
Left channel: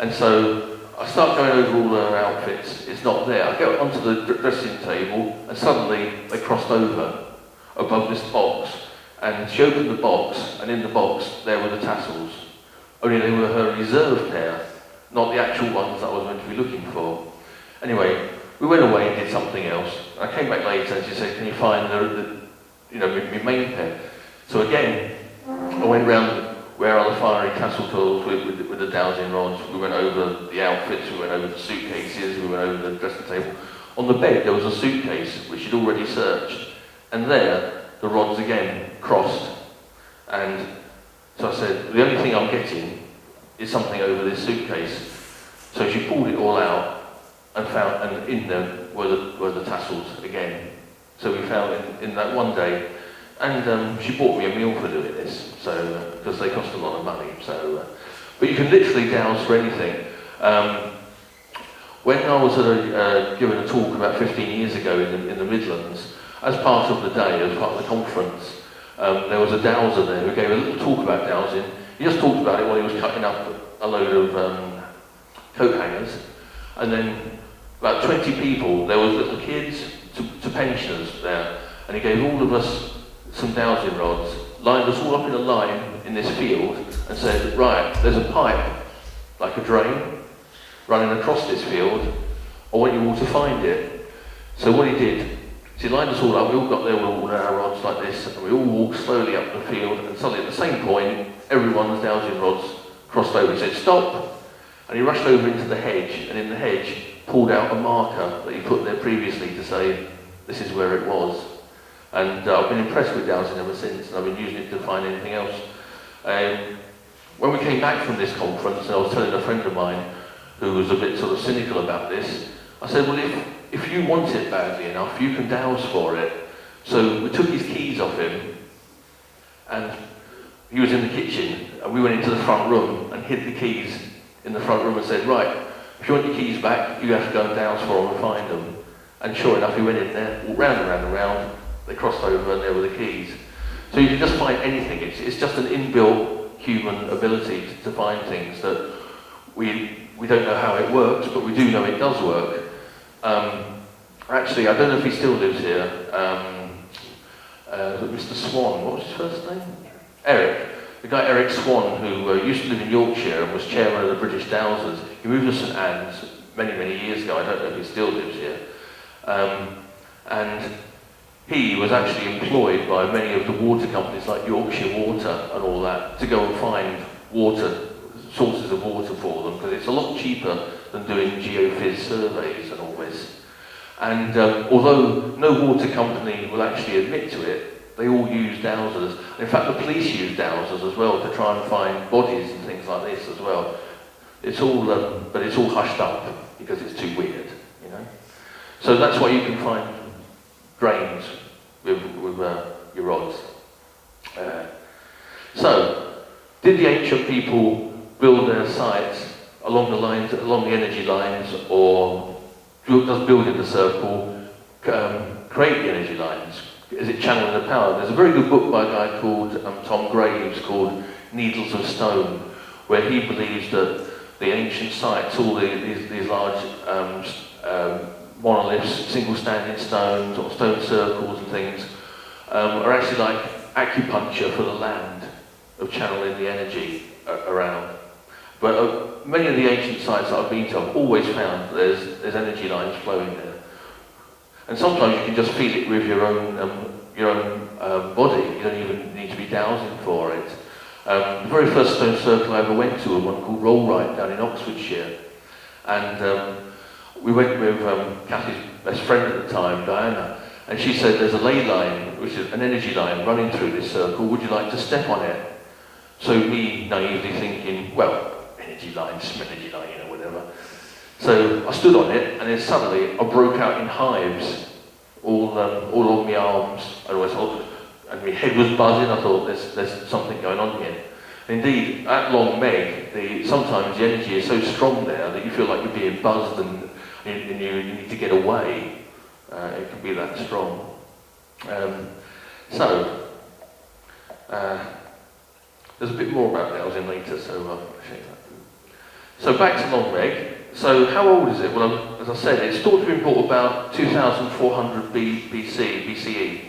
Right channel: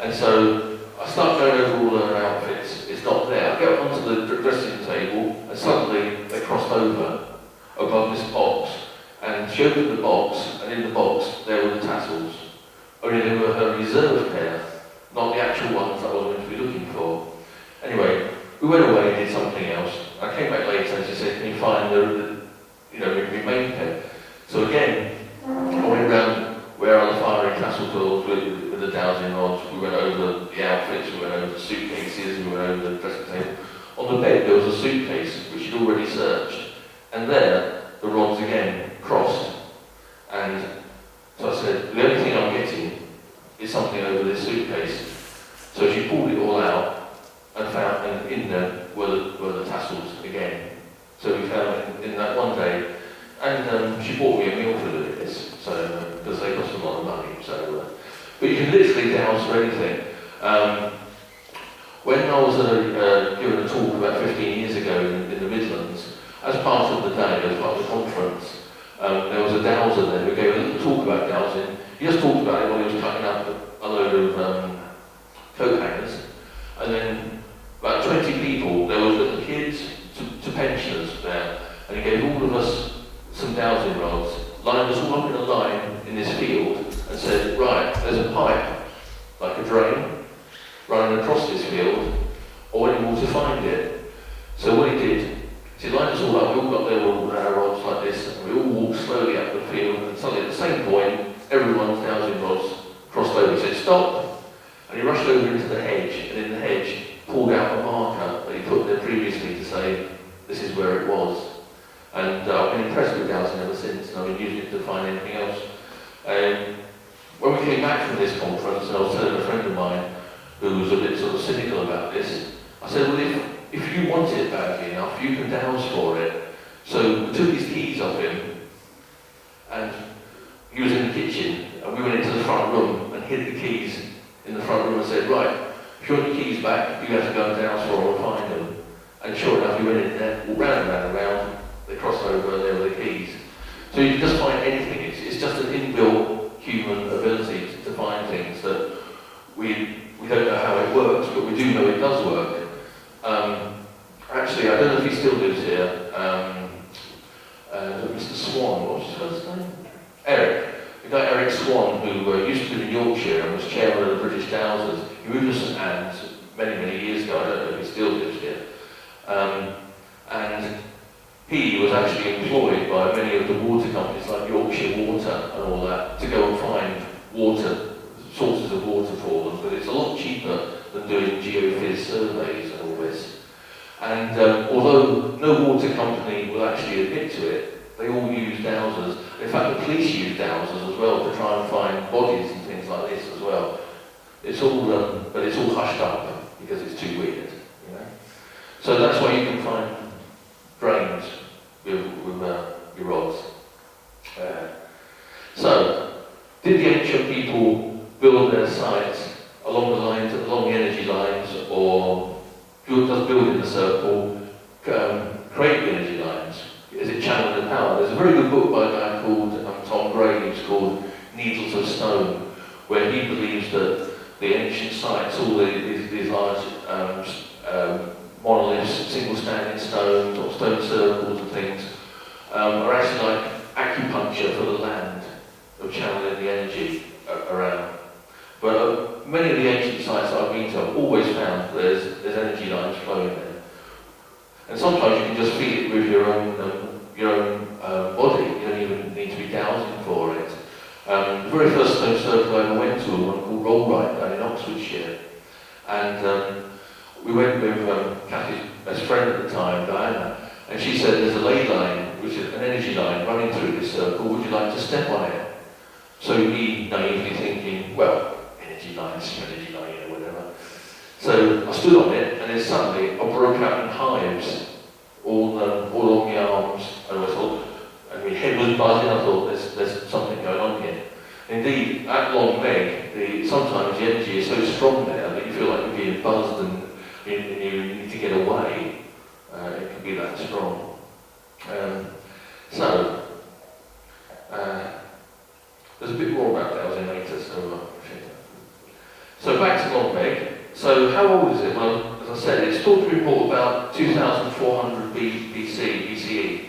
And so I start going over all her outfits. It's not there. I go onto the dressing table, and suddenly they crossed over above this box. And she opened the box, and in the box there were the tassels. Only they were her reserve pair, not the actual ones that I was going to be looking for. Anyway, we went away and did something else. I came back later and she said, can you find the my main pair? So again, I went round where are the fiery tassel twirls with the dowsing rods. We went over the outfits, we went over the suitcases, we went over the dressing table. On the bed there was a suitcase which she'd already searched, and there the rods again crossed. And so I said, the only thing I'm getting is something over this suitcase. So she pulled it all out and found, and in there were the tassels again. So we found in that one day, and she bought me a meal for doing this, so because they cost a lot of money. So, but you can literally douse for anything. When I was doing a talk about 15 years ago in the Midlands, as part of the day, as part of the conference, there was a dowser there who gave a little talk about dowsing. He just talked about it when he was cutting up a load of coat hangers, and then about 20 people, there was little kids to pensioners there, and he gave all of us some dowsing rods, lined us all up in a line in this field, and said, right, there's a pipe, like a drain, running across this field, I want you all to find it. So what he did, he lined us all up, we all got there with all our rods like this, and we all walked slowly up the field, and suddenly at the same point, everyone's dowsing rods crossed over. He said, stop! And he rushed over into the hedge, and in the hedge, pulled out a marker that he put there previously to say, this is where it was. And I've been impressed with dowsing ever since, and I've been using it to find anything else. When we came back from this conference, I was telling a friend of mine who was a bit sort of cynical about this, I said, well, if you want it badly enough, you can douse for it. So we took his keys off him, and he was in the kitchen, and we went into the front room and hid the keys in the front room and said, right, if you want your keys back, you have to go and douse for them and find them. And sure enough, we went in there, walked round and round and round, they crossed over and there were the keys. So you can just find anything. It's just an inbuilt human ability to find things that we don't know how it works, but we do know it does work. Actually, I don't know if he still lives here. Mr. Swan, what's his first name? Eric. The guy Eric Swan, who used to live in Yorkshire and was chairman of the British Dowsers. He moved to St Anne's many years ago. I don't know if he still lives here. And he was actually employed by many of the water companies like Yorkshire Water and all that to go and find water, sources of water for them, but it's a lot cheaper than doing geophys surveys and all this. And although no water company will actually admit to it, they all use dowsers. In fact, the police use dowsers as well to try and find bodies and things like this as well. It's all, but it's all hushed up because it's too weird, you know. So that's why you can find drains with your rods. So, did the ancient people build their sites along the energy lines, or does building a circle create very good book by a guy called Tom Gray, who's called Needles of Stone, where he believes that the ancient sites, all these large monoliths, single standing stones, or stone circles and things, are actually like acupuncture for the land of channeling the energy around. But many of the ancient sites that I've been to, I've always found there's energy lines flowing there. And sometimes you can just feel it with your own body. You don't even need to be dowsing for it. The very first stone circle I ever went to was one called Rowan-Drewitt down in Oxfordshire. And we went with Kathy's best friend at the time, Diana, and she said there's a ley line, which is an energy line running through this circle. Would you like to step on it? So me naively thinking, well, energy line, whatever. So I stood on it, and then suddenly I broke out in hives all along the arms. And I thought, and my head was buzzing. I thought, there's something going on here. Indeed, at Long Meg, sometimes the energy is so strong there that you feel like you're being buzzed and you need to get away. It can be that strong. There's a bit more about dowsing later, so back to Long Meg. So how old is it? Well, as I said, it's thought to be brought about 2,400 BCE.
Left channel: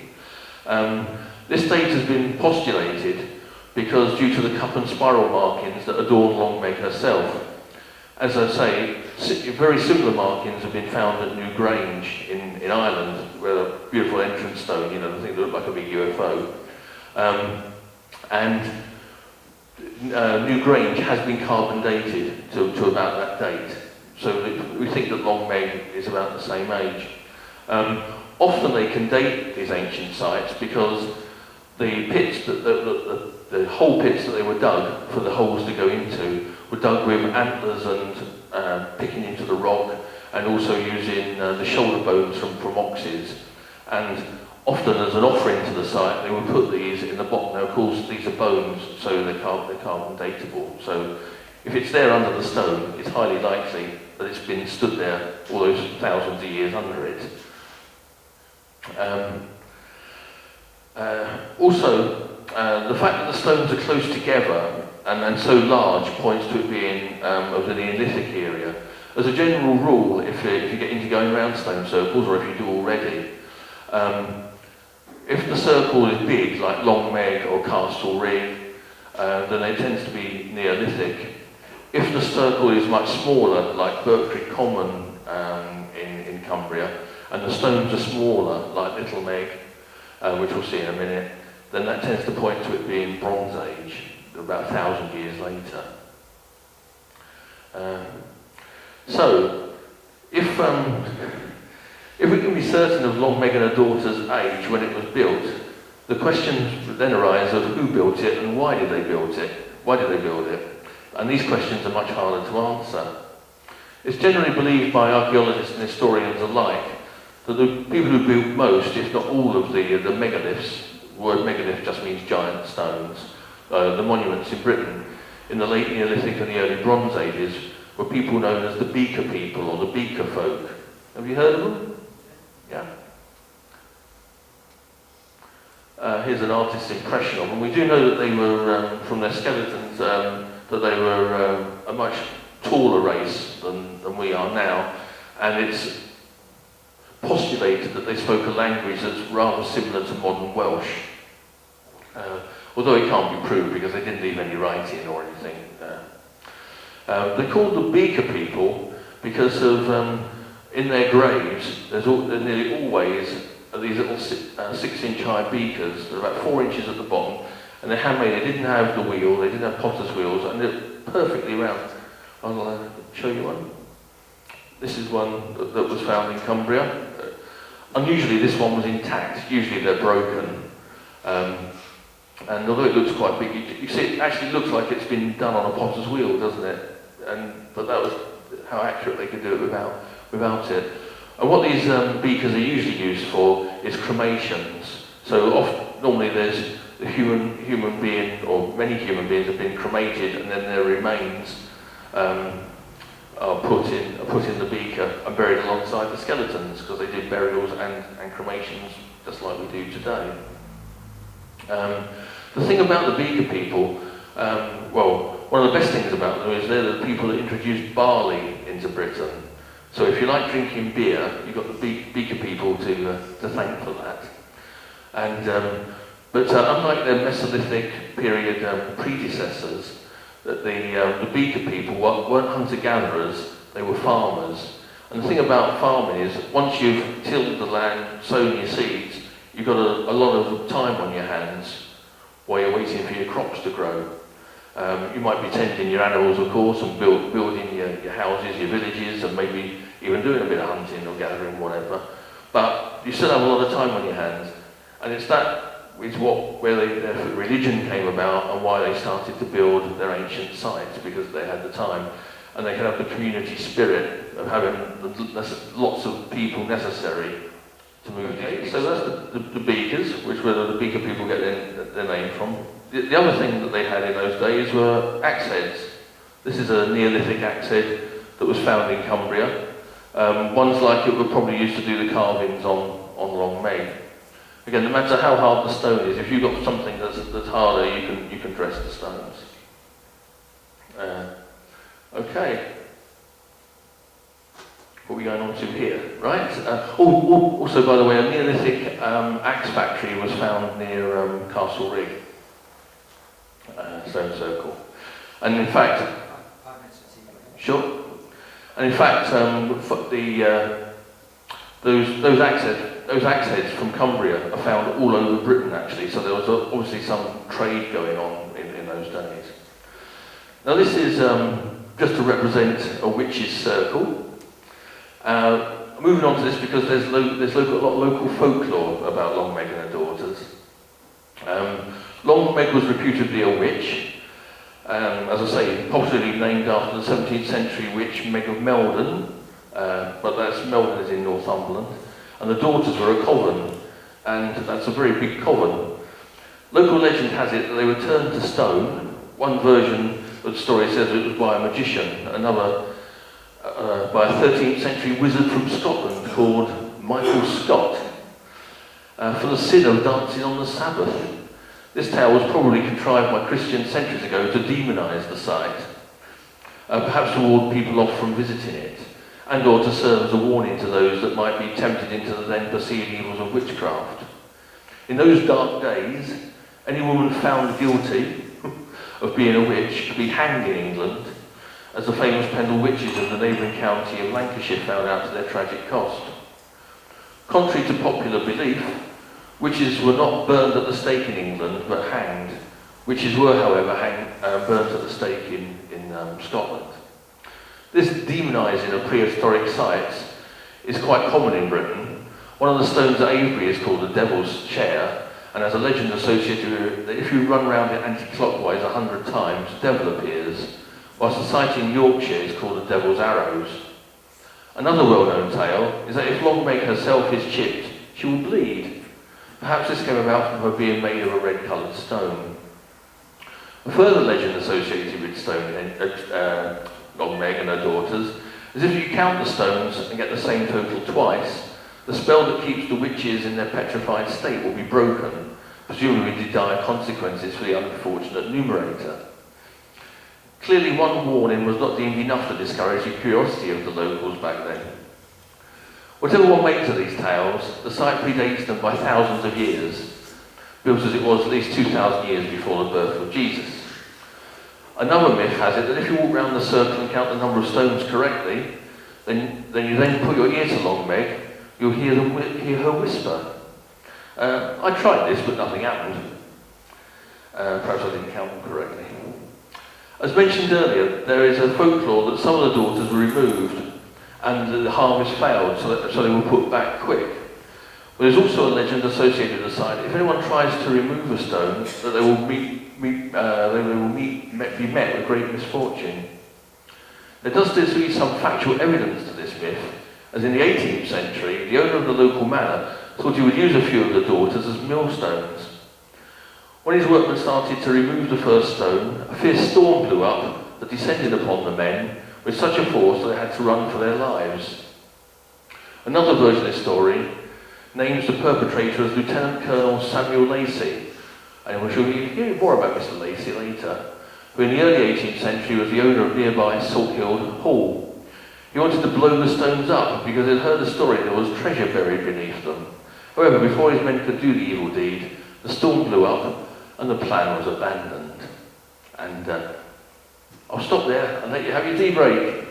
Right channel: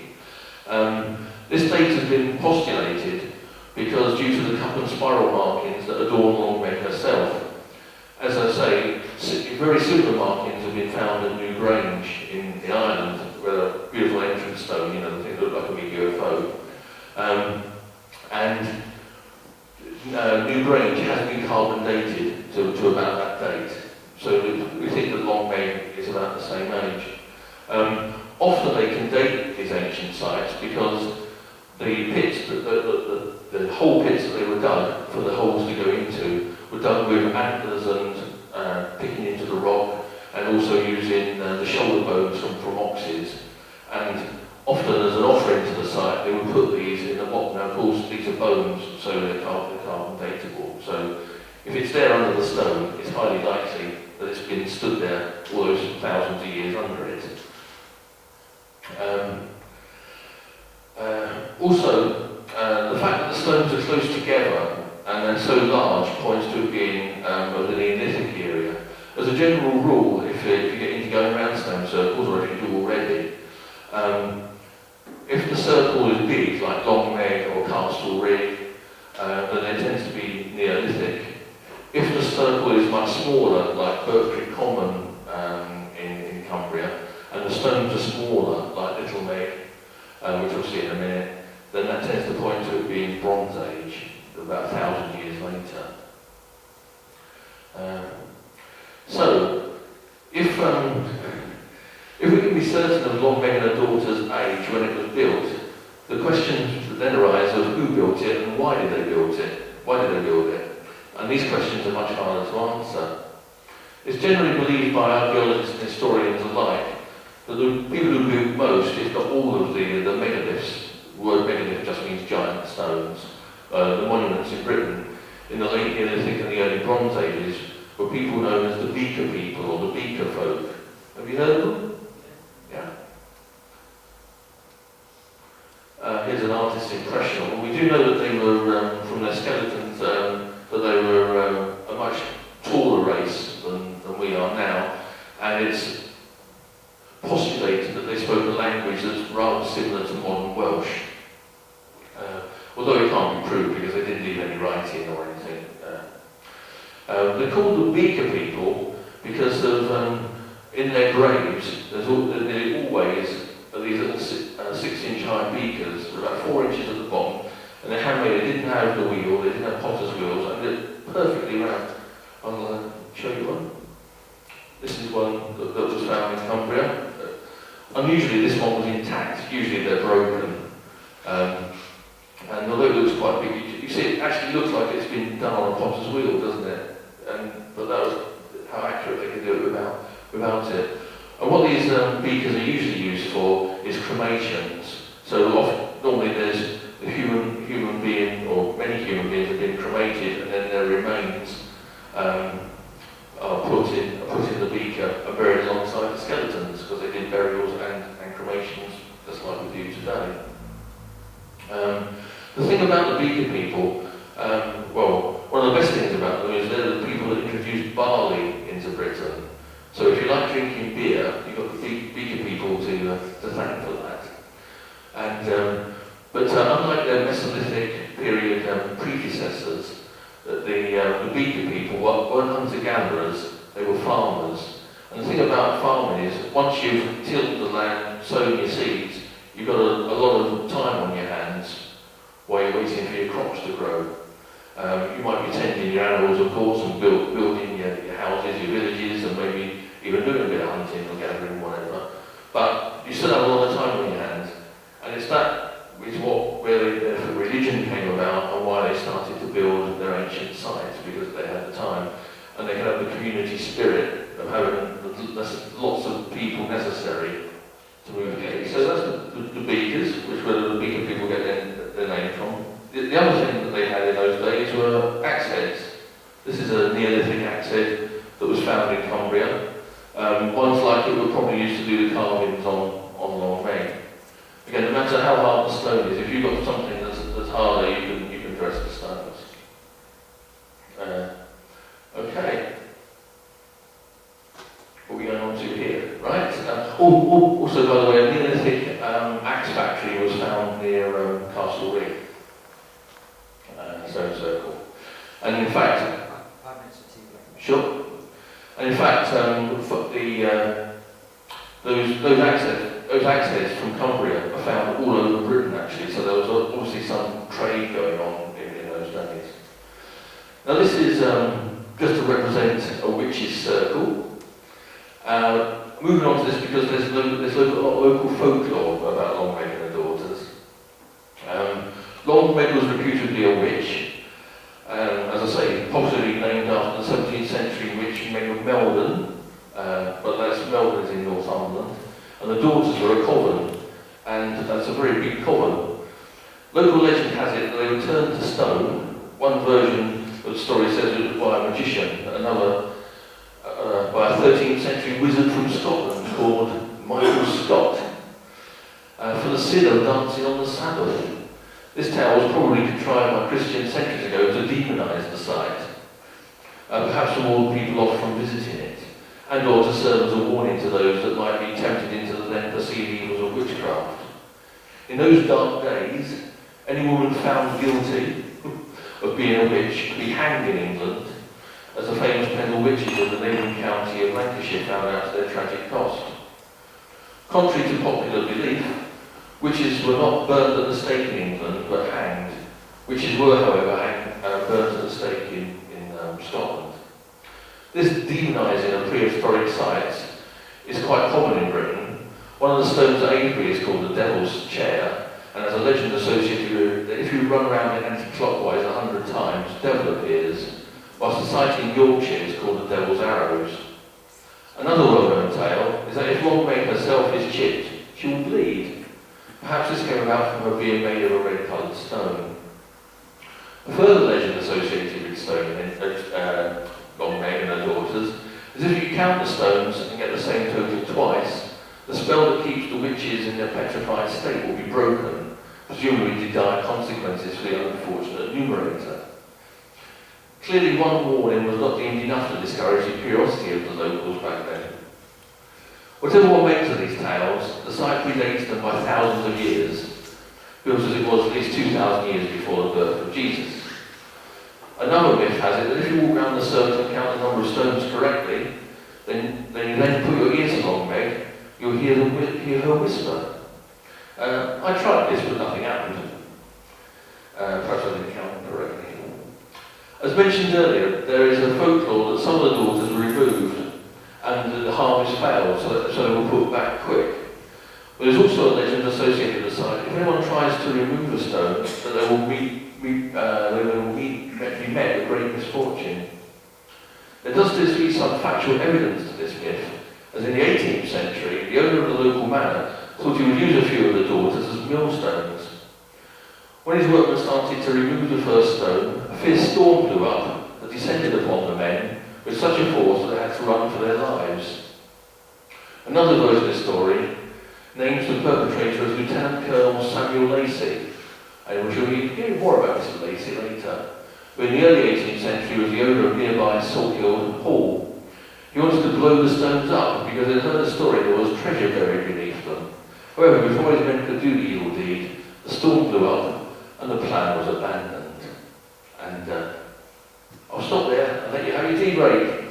This date has been postulated because due to the cup and spiral markings that adorn Long Meg herself. As I say, very similar markings have been found at New Grange in Ireland, with a beautiful entrance stone, the thing that looked like a big UFO. And New Grange has been carbon dated to about that date. So we think that Long Meg is about the same age. Often they can date these ancient sites because the pits, the hole pits that they were dug for the holes to go into were dug with antlers and picking into the rock, and also using the shoulder bones from oxes. And often as an offering to the site, they would put these in the bottom. Now, of course, these are bones, so they're carbon datable. So if it's there under the stone, it's highly likely that it's been stood there all those thousands of years under it. The fact that the stones are close together and so large points to it being of the Neolithic era. As a general rule, if you get into going around stone circles, or if you do already, if the circle is big, like Long Meg or Castle Rig, then it tends to be Neolithic. If the circle is much smaller, like Berkeley Common in Cumbria, and the stones are smaller, like Little Meg, which we'll see in a minute, then that tends to point to it being Bronze Age, about 1,000 years later. If we can be certain of Long Meg and her daughter's age when it was built, the questions then arise of who built it and why did they build it? Why did they build it? And these questions are much harder to answer. It's generally believed by archaeologists and historians alike that the people who built most, if not all of the megaliths, the word megalith just means giant stones, the monuments in Britain in the late Neolithic and the early Bronze Ages were people known as the Beaker people or the Beaker folk. Have you heard of them? Yeah. Here's an artist's impression of them. We do know that they were, from their skeletons, that they were a much taller race than we are now, and it's postulated that they spoke a language that's rather similar to modern Welsh. Although it can't be proved because they didn't leave any writing or anything. They're called the Beaker people because of, in their graves, there's nearly always these little 6-inch high beakers, they're about 4 inches at the bottom, and they're handmade. They didn't have the wheel, they didn't have potter's wheels, and they're perfectly round. I'll show you one. This is one that was found in Cumbria. Unusually, this one was intact. Usually they're broken. And although it looks quite big, you see it actually looks like it's been done on a potter's wheel, doesn't it? But that was how accurate they could do it without it. And what these beakers are usually used for is cremations. So normally there's the human being, or many human beings have been cremated, and then their remains are put in the beaker and buried alongside the skeletons, because they did burials and cremations just like we do today. The thing about the Beaker people, well, one of the best things about them is they're the people that introduced barley into Britain. So if you like drinking beer, you've got the Beaker people to thank for that. And but unlike their Mesolithic period predecessors, that the Beaker people weren't hunter-gatherers, they were farmers. And the thing about farming is, once you've tilled the land, sown your seeds, you've got a lot of time on your hands while you're waiting for your crops to grow. You might be tending your animals, of course, and building your houses, your villages, and maybe even doing a bit of hunting or gathering, whatever. But you still have a lot of time on your hands. And it's where the religion came about and why they started to build their ancient sites, because they had the time. And they could have the community spirit of having lots of people necessary to move in. So that's the Beakers, which were the Beaker people get their name from. The other thing that they had in those days were axe heads. This is a Neolithic axe head that was found in Cumbria. Ones like it were probably used to do the carvings on Long Meg. Again, no matter how hard the stone is, if you've got something that's harder, you can press the stones. Okay. What are we going on to here? Right. Also, by the way, a Neolithic axe factory was found near Castle Ring. Stone Circle. And in fact, 5 minutes of tea break. Sure. And in fact, those axe heads from Cumbria are found all over Britain, actually. So there was obviously some trade going on in those days. Now this is just to represent a witch's circle. Moving on to this because there's a lot of local folklore about Long Meg and her daughters. Long Meg was reputedly a witch. As I say, popularly named after the 17th century witch Meg of Meldon, but that's Meldon is in Northumberland, and the daughters were a coven, and that's a very big coven. Local legend has it that they were turned to stone. One version of the story says it was by a magician, another by a 13th century wizard from Scotland called Michael Scott, for the sin of dancing on the Sabbath. This tale was probably contrived by Christians centuries ago to demonise the site, perhaps to ward people off from visiting it, and or to serve as a warning to those that might be tempted into the then perceived evils of witchcraft. In those dark days, any woman found guilty of being a witch could be hanged in England, as the famous Pendle witches in the neighbouring county of Lancashire found out to their tragic cost. Contrary to popular belief, witches were not burned at the stake in England, but hanged. Witches were, however, burned at the stake in Scotland. This demonising of prehistoric sites is quite common in Britain. One of the stones at Avebury is called the Devil's Chair, and has a legend associated with it that if you run around it anti-clockwise 100 times, the devil appears, whilst the site in Yorkshire is called the Devil's Arrows. Another well-known tale is that if Long Meg herself is chipped, she will bleed. Perhaps this came about from her being made of a red-coloured stone. A further legend associated with Long Meg and her daughters is if you count the stones and get the same total twice, the spell that keeps the witches in their petrified state will be broken, presumably to dire consequences for the unfortunate numerator. Clearly one warning was not deemed enough to discourage the curiosity of the locals back then. Whatever one makes of these tales, the site predates them by thousands of years, built as it was at least 2,000 years before the birth of Jesus. Another myth has it that if you walk around the circle and count the number of stones correctly, then you then put your ears to Long Meg, you'll hear her whisper. I tried this, but nothing happened. Perhaps I didn't count them correctly. As mentioned earlier, there is a folklore that some of the daughters were removed and the harvest failed, so they were put back quick. But there's also a legend associated with the site. If anyone tries to remove a stone, that they will be met with great misfortune. There does seem to be some factual evidence to this myth, as in the 18th century, the owner of the local manor thought he would use a few of the daughters as millstones. When his workmen started to remove the first stone, a fierce storm blew up that descended upon the men with such a force that they had to run for their lives. Another version of the story names the perpetrator as Lieutenant Colonel Samuel Lacey, and we shall hear more about this later. But in the early 18th century, it was the owner of nearby Salthill Hall. He wanted to blow the stones up because they'd heard the story there was treasure buried beneath them. However, before his men could do the evil deed, the storm blew up and the plan was abandoned. And I'll stop there and let you have your tea break.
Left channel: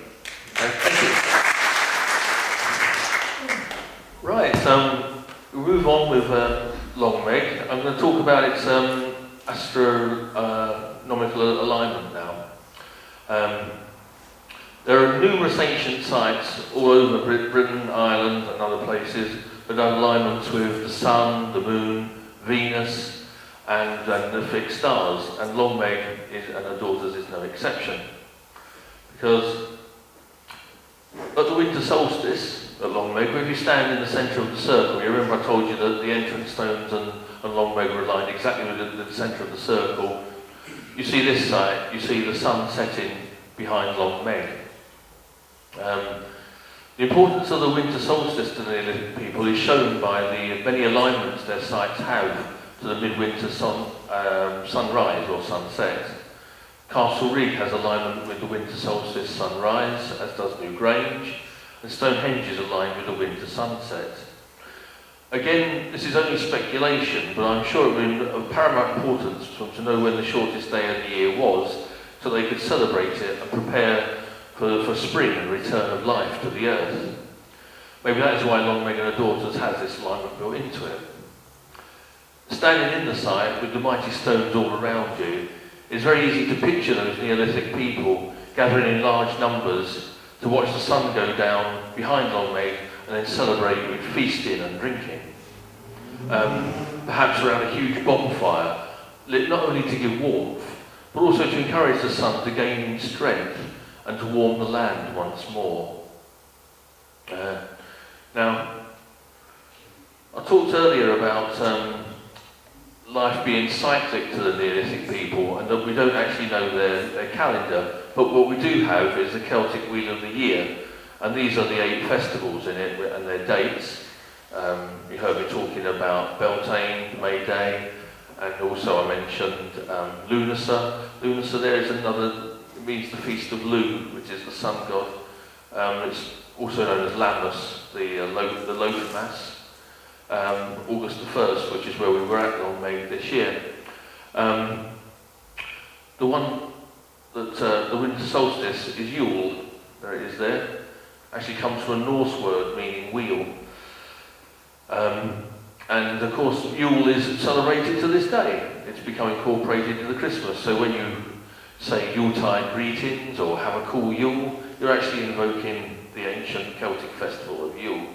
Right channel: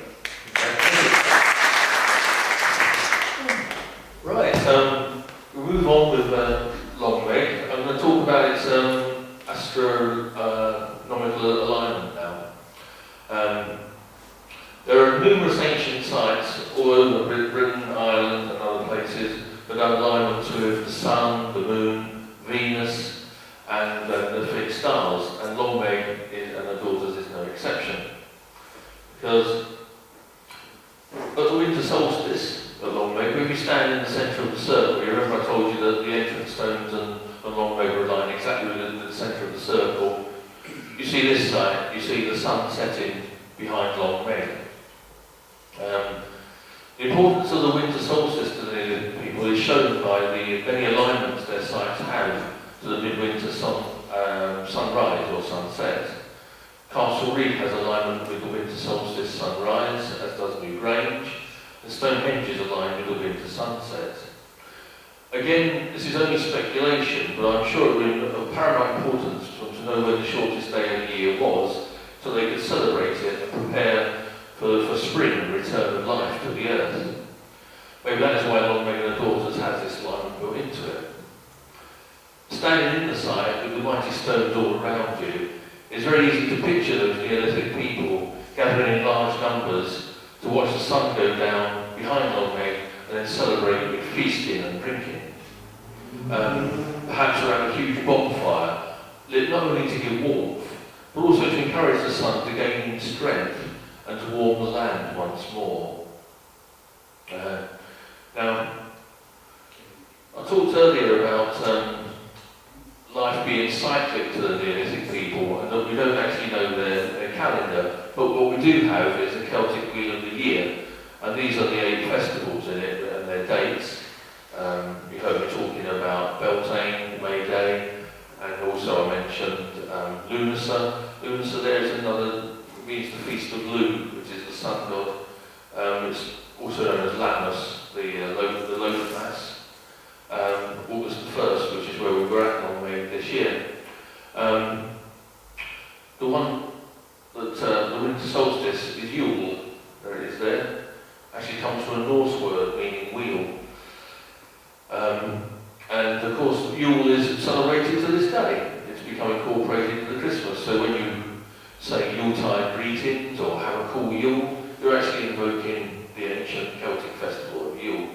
Right, we move on with Longmeg. I'm going to talk about its astronomical alignment now. There are numerous ancient sites all over Britain, Ireland and other places that have alignments with the Sun, the Moon, Venus and the fixed stars, and Longmeg and her daughters is no exception. Because at the winter solstice at Longmeg, if you stand in the centre of the circle, you remember I told you that the entrance stones and Longmeg were aligned exactly within the centre of the circle. You see this side, you see the sun setting behind Longmeg. The importance of the winter solstice to the people is shown by the many alignments their sites have to the midwinter sunrise or sunset. Castle Reed has alignment with the winter solstice sunrise, as does New Grange, and Stonehenge is aligned with the winter sunset. Again, this is only speculation, but I'm sure it would be of paramount importance to know when the shortest day of the year was, so they could celebrate it and prepare for spring and return of life to the earth. Maybe that's why Longmeg and her daughters has this alignment built into it. Standing in the site with the mighty stones all around you, it's very easy to picture those Neolithic people gathering in large numbers to watch the sun go down behind Longmeg and then celebrate with feasting and drinking. Perhaps around a huge bonfire, lit not only to give warmth, but also to encourage the sun to gain strength and to warm the land once more. Now, I talked earlier about life being cyclic to the Neolithic people, and that we don't actually know their calendar, but what we do have is a Celtic Wheel of the Year, and these are the 8 festivals in it and their dates. You heard me talking about Beltane, May Day, and also I mentioned Lunasa. Lunasa there is another, means the Feast of Lugh, which is the sun god. It's also known as Lammas, the Logan Mass. August the 1st, which is where we were at Longmeg this year. The one that the winter solstice is Yule, there it is there, actually comes from a Norse word meaning wheel. And of course Yule is celebrated to this day. It's become incorporated into Christmas, so when you say Yuletide greetings or have a cool Yule, you're actually invoking the ancient Celtic festival of Yule.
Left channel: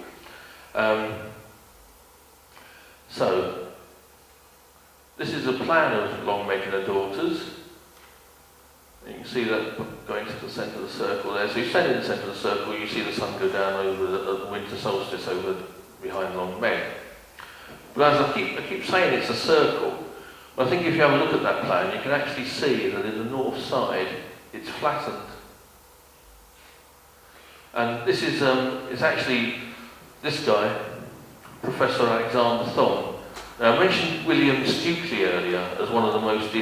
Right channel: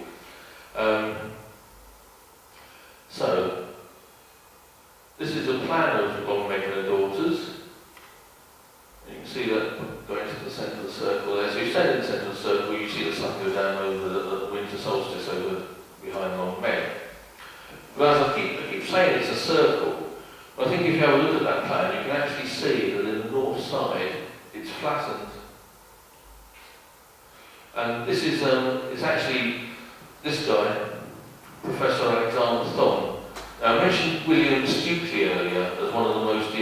So, this is a plan of Longmeg and her daughters. And you can see that going to the centre of the circle there. So you stand in the centre of the circle, you see the sun go down over the winter solstice over behind Longmeg. But as I keep saying it's a circle, but I think if you have a look at that plan, you can actually see that in the north side, it's flattened. And this is it's actually this guy, Professor Alexander Thom. Now I mentioned William Stukely earlier as one of the most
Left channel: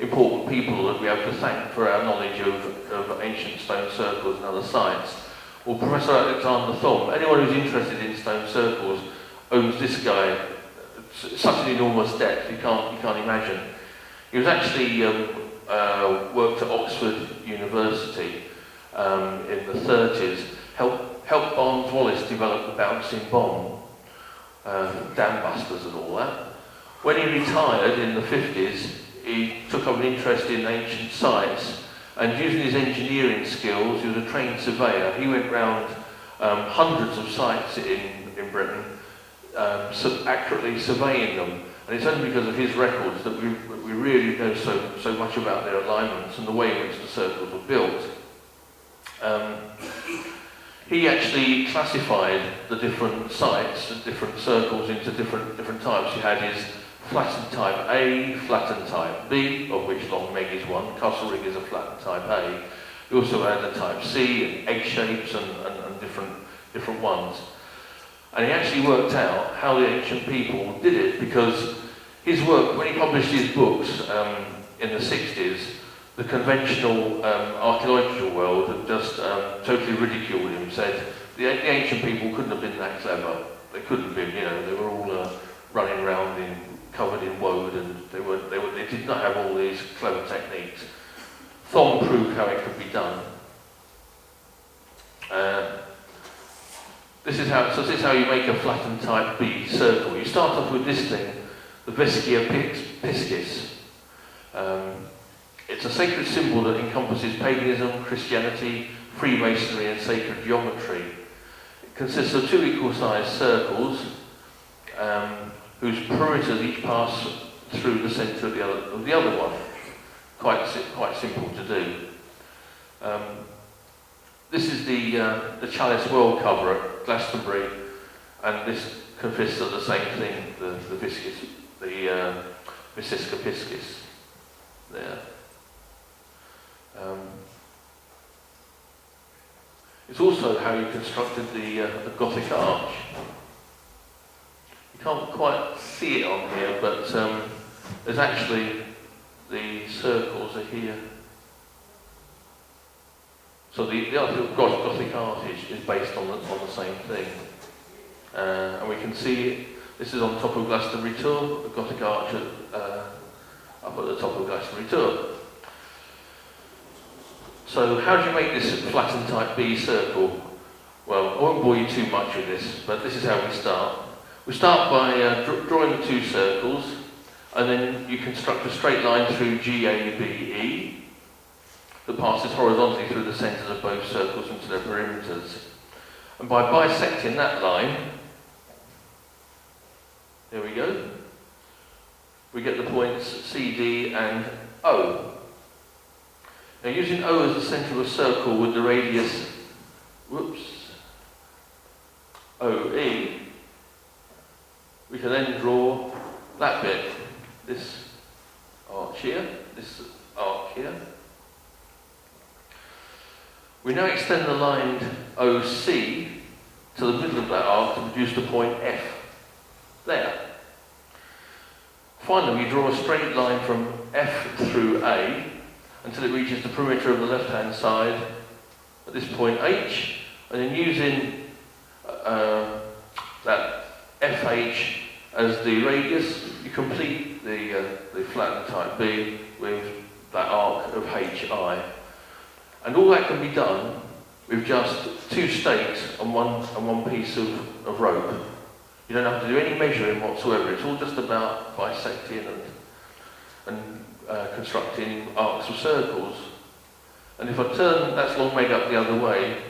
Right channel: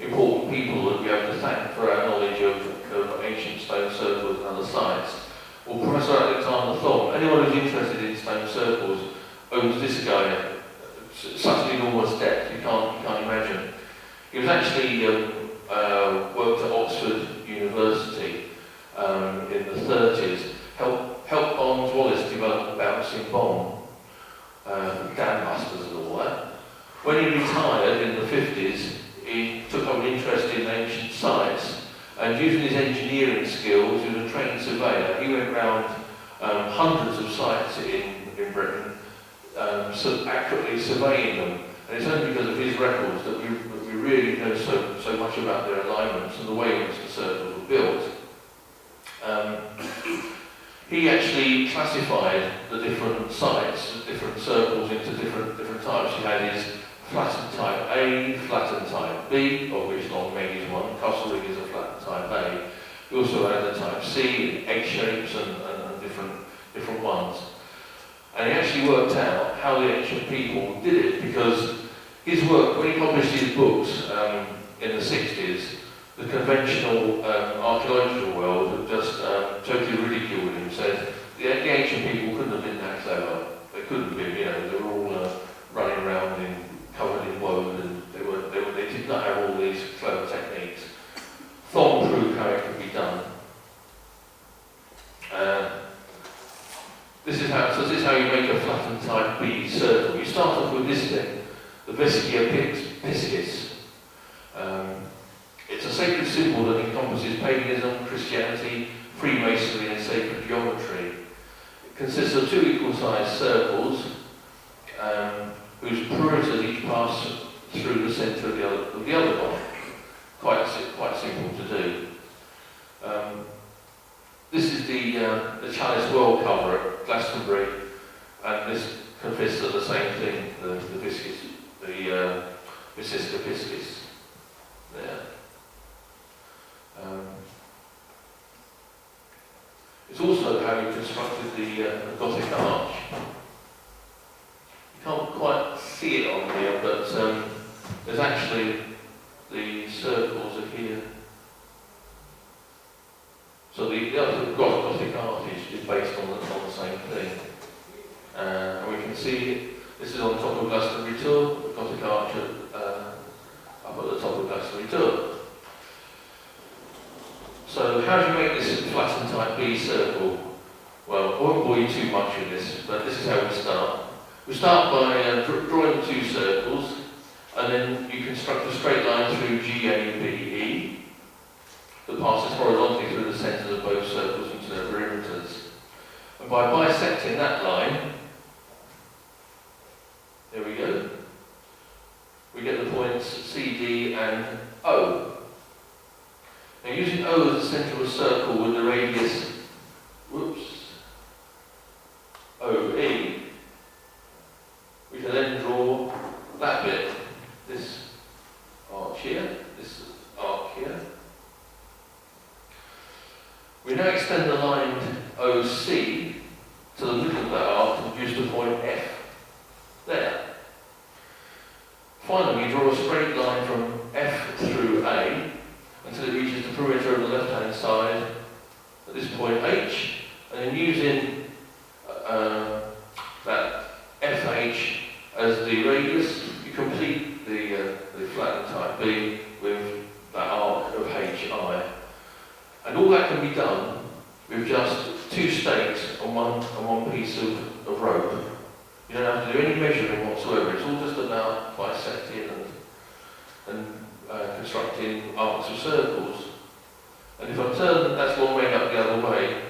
important people that we have to thank for our knowledge of ancient stone circles and other sites. Well, Professor Alexander Thom, anyone who's interested in stone circles owes this guy such an enormous debt you can't imagine. He was actually worked at Oxford University in the 30s, helped Barnes Wallis develop the bouncing bomb. Dam busters and all that. When he retired in the 50s, he took up an interest in ancient sites, and using his engineering skills, he was a trained surveyor. He went round hundreds of sites in Britain, so accurately surveying them. And it's only because of his records that we really know so much about their alignments and the way in which the circles were built. He actually classified the different sites, the different circles into different types. He had his flattened type A, flattened type B, of which Longmeg is one. Castle Reed is a flattened type A. We also had the type C, egg shapes and different ones. And he actually worked out how the ancient people did it, because his work, when he published his books in the 60s, the conventional archaeological world had just totally ridiculed him, said the ancient people couldn't have been that clever. They couldn't have been, you know, they were all running around covered in woad, and they did not have all these clever techniques. Thom proved how it could be done. This is how you make a flattened type B circle. You start off with this thing, the Vescia Piscis. It's a sacred symbol that encompasses paganism, Christianity, Freemasonry and sacred geometry. It consists of two equal-sized circles whose perimeters each pass through the centre of the other one. Quite simple to do. This is the Chalice World cover at Glastonbury, and this consists of the same thing, the viscous, the Vescia Piscis. There. It's also how he constructed the Gothic arch. You can't quite see it on here, but there's actually the circles are here. So the other Gothic arch is based on the same thing. And we can see this is on top of Glastonbury Tour, the Gothic arch up at the top of Glastonbury Tour. So how do you make this flattened type B circle? Well, I won't bore you too much with this, but this is how we start. We start by drawing two circles, and then you construct a straight line through GABE that passes horizontally through the centres of both circles into their perimeters. And by bisecting that line, there we go, we get the points CD and O. Now using O as the centre of a circle with the radius, OE, we can then draw that bit, this arch here, this arc here. We now extend the line OC to the middle of that arc to produce the point F. There. Finally, we draw a straight line from F through A until it reaches the perimeter of the left-hand side at this point H, and then using that FH as the radius, you complete the flattened type B with that arc of HI. And all that can be done with just two stakes and one piece of rope. You don't have to do any measuring whatsoever. It's all just about bisecting and constructing arcs of circles. And if I turn that long leg up the other way,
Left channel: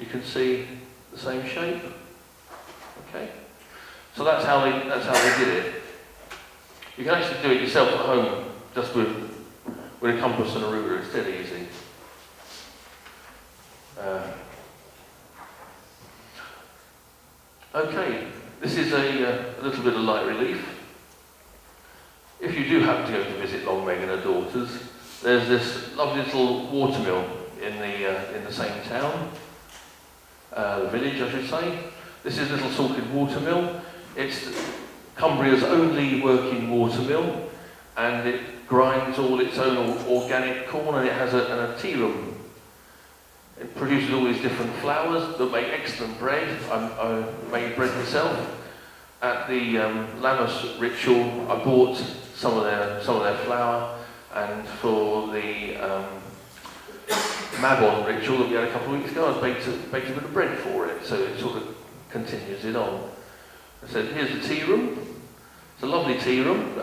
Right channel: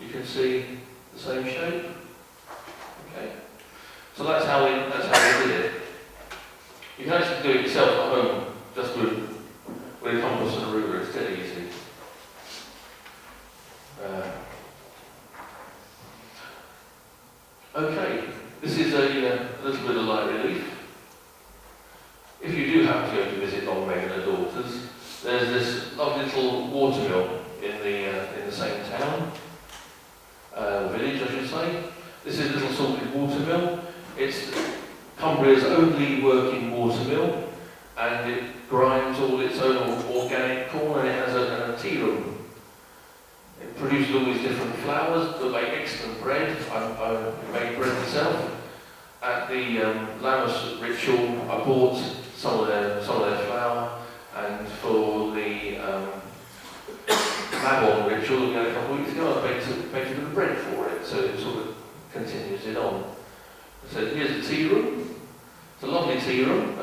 you can see the same shape. Okay. So that's how they did it. You can actually do it yourself at home, just with a compass and a ruler. It's dead easy. Okay, this is a little bit of light relief. If you do have to go to visit Longmay and her daughters, there's this lovely little watermill in the same town, village I should say. This is a little salted watermill. It's Cumbria's only working watermill, and it grinds all its own organic corn, and it has a tea room. It produces all these different flours that make excellent bread. I made bread myself. At the Lammas ritual, I bought some of their flour, and for the Mabon ritual that we had a couple of weeks ago, I baked a bit of bread for it, so it sort of continues it on. So here's the tea room. It's a lovely tea room.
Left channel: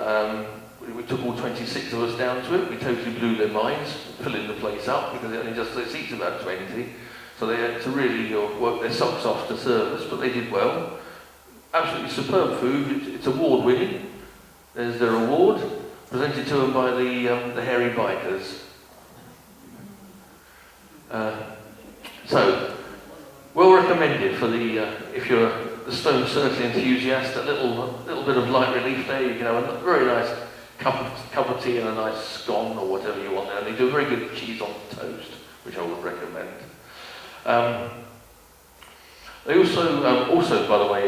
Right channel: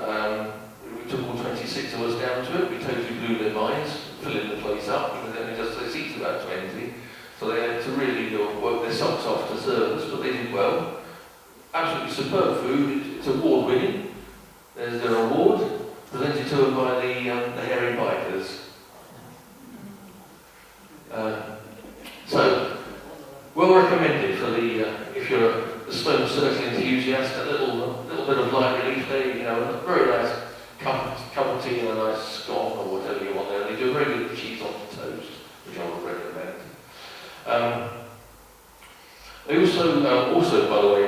We took all 26 of us down to it. We totally blew their minds, filling the place up, because they only just their seats about 20. So they had to really work their socks off to serve us, but they did well. Absolutely superb food. It's award-winning. There's their award, presented to them by the hairy bikers. So, well recommended for if you're a stone circle enthusiast, a little bit of light relief there, you know, a very nice cup of tea and a nice scone or whatever you want there. They do a very good cheese on toast, which I would recommend. They also, by the way,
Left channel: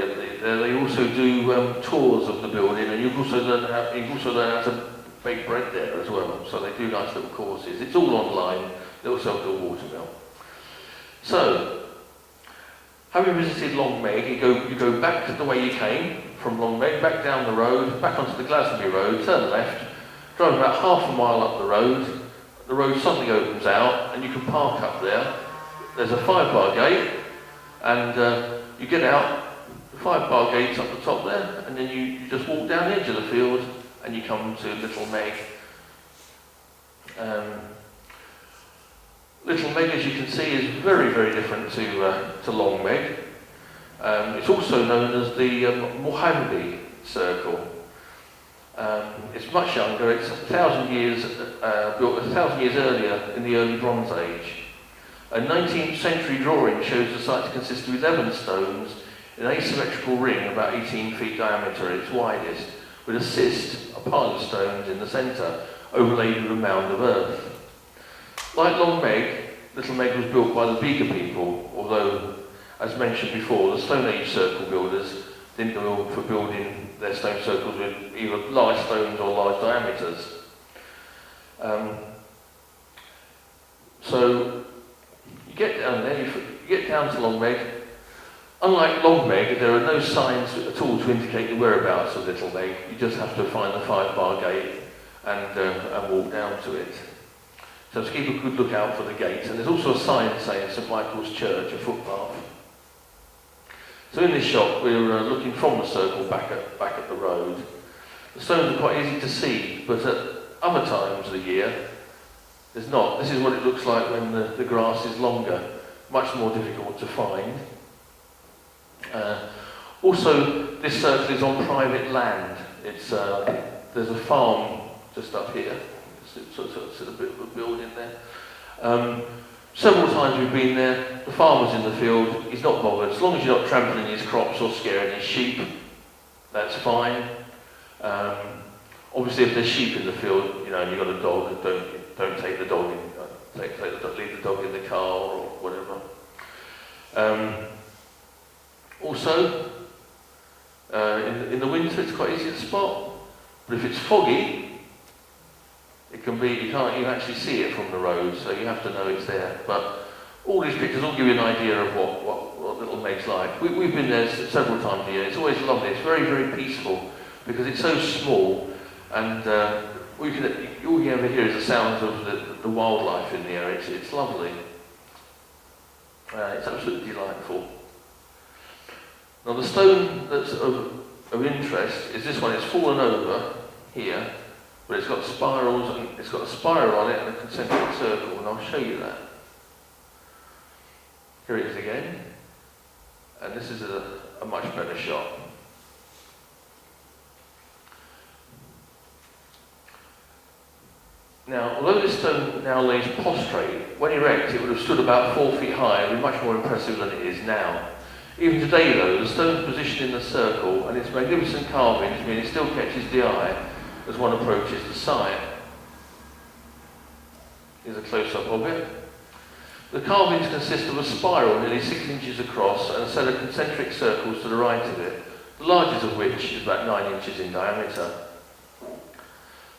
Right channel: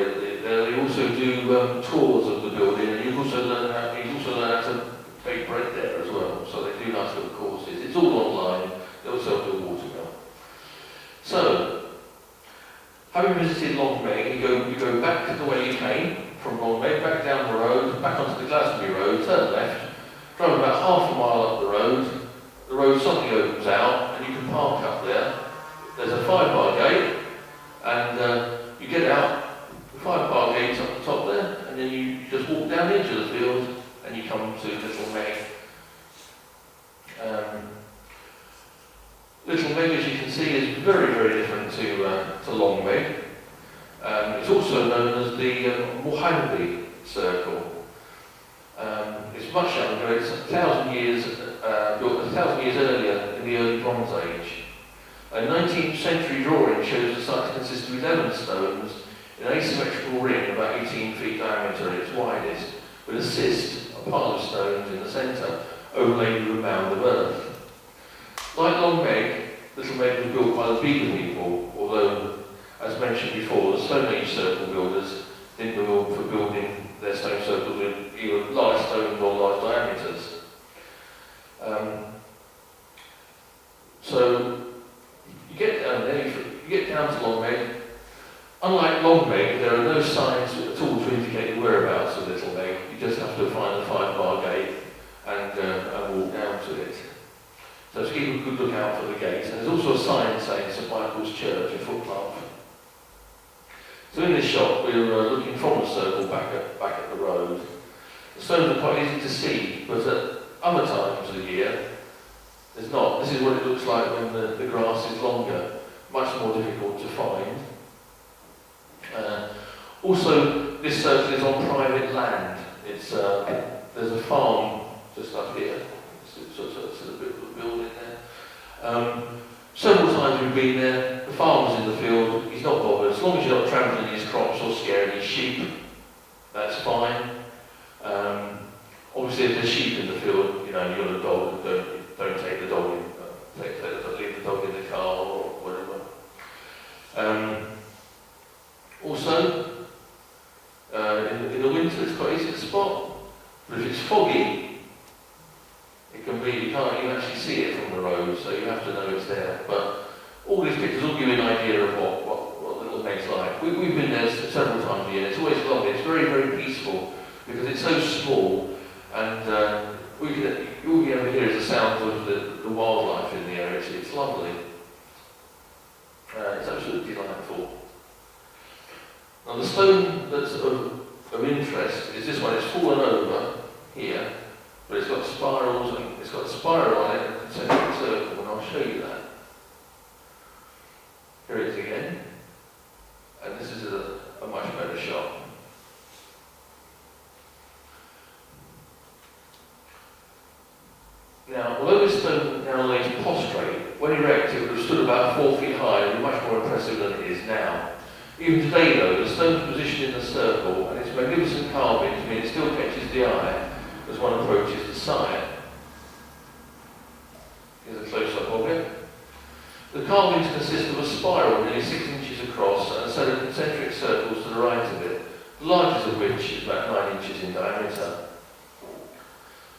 they also do tours of the building, and you also learn how to bake bread there as well. So they do nice little courses. It's all online. They also have the water mill. So, having visited Longmeg, you go back to the way you came from Longmeg, back down the road, back onto the Glastonbury Road, turn left, drive about half a mile up the road. The road suddenly opens out, and you can park up there. There's a 5-bar gate, and you get out. The 5-bar gate's up the top there, and then you just walk down into the field, and you come to Little Meg. Little Meg, as you can see, is very, very different to Long Meg. It's also known as the Mohangbi Circle. It's much younger. It's 1,000 years built 1,000 years earlier in the early Bronze Age. A 19th century drawing shows the site to consist of 11 stones in an asymmetrical ring about 18 feet diameter at its widest, with a cyst, a pile of stones in the centre, overlaid with a mound of earth. Like Long Meg, Little Meg was built by the Beaker people, although, as mentioned before, the Stone Age circle builders didn't build for building their stone circles with either large stones or large diameters. So you get down there, you get down to Long Meg. Unlike Long Meg, there are no signs at all to indicate the whereabouts of Little Meg. You just have to find the 5-bar gate and walk down to it. So just keep a good look out for the gate. And there's also a sign saying St Michael's Church, a footpath. So in this shot, we're looking from the circle back at the road. The stones are quite easy to see, but at other times of the year, there's not. This is what it looks like when the grass is longer, much more difficult to find. Also, this circle is on private land. It's there's a farm just up here. It's a bit of a building there. Several times we've been there. The farmer's in the field. He's not bothered. As long as you're not trampling his crops or scaring his sheep, that's fine. Obviously, if there's sheep in the field, you know, you've got a dog, don't take the dog in. Leave the dog in the car or whatever. Also, in the winter, it's quite easy to spot. But if it's foggy, it can be, you can actually see it from the road, so you have to know it's there. But all these pictures will give you an idea of what Little Meg's like. We've been there several times a year. It's always lovely. It's very, very peaceful because it's so small, and all you ever hear is the sounds of the wildlife in the area. It's lovely. It's absolutely delightful. Now the stone that's of interest is this one. It's fallen over here, but it's got spirals, and it's got a spiral on it and a concentric circle, and I'll show you that. Here it is again, and this is a much better shot. Now, although this stone now lays prostrate, when erect it would have stood about 4 feet high and be much more impressive than it is now. Even today though, the stone's positioned in the circle and its magnificent carvings mean it still catches the eye as one approaches the site. Here's a close-up of it. The carvings consist of a spiral nearly 6 inches across and a set of concentric circles to the right of it, the largest of which is about 9 inches in diameter.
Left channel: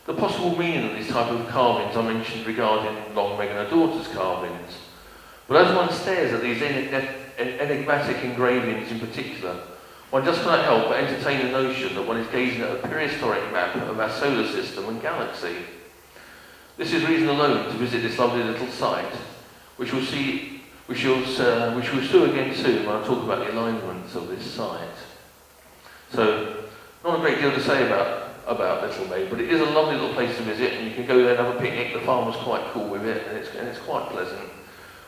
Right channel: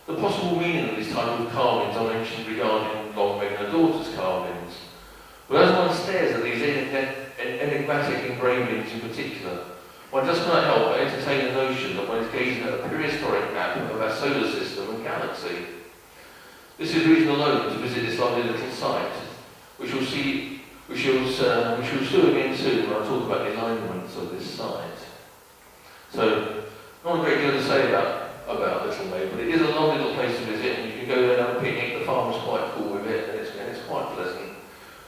The possible meaning of these type of carvings are mentioned regarding Long Meg and her daughter's carvings. But as one stares at these enigmatic engravings in particular, one just cannot help but entertain the notion that one is gazing at a prehistoric map of our solar system and galaxy. This is reason alone to visit this lovely little site, which we'll do again soon when I talk about the alignments of this site. So, not a great deal to say about Little Meg, but it is a lovely little place to visit, and you can go there and have a picnic. The farm is quite cool with it, and it's quite pleasant.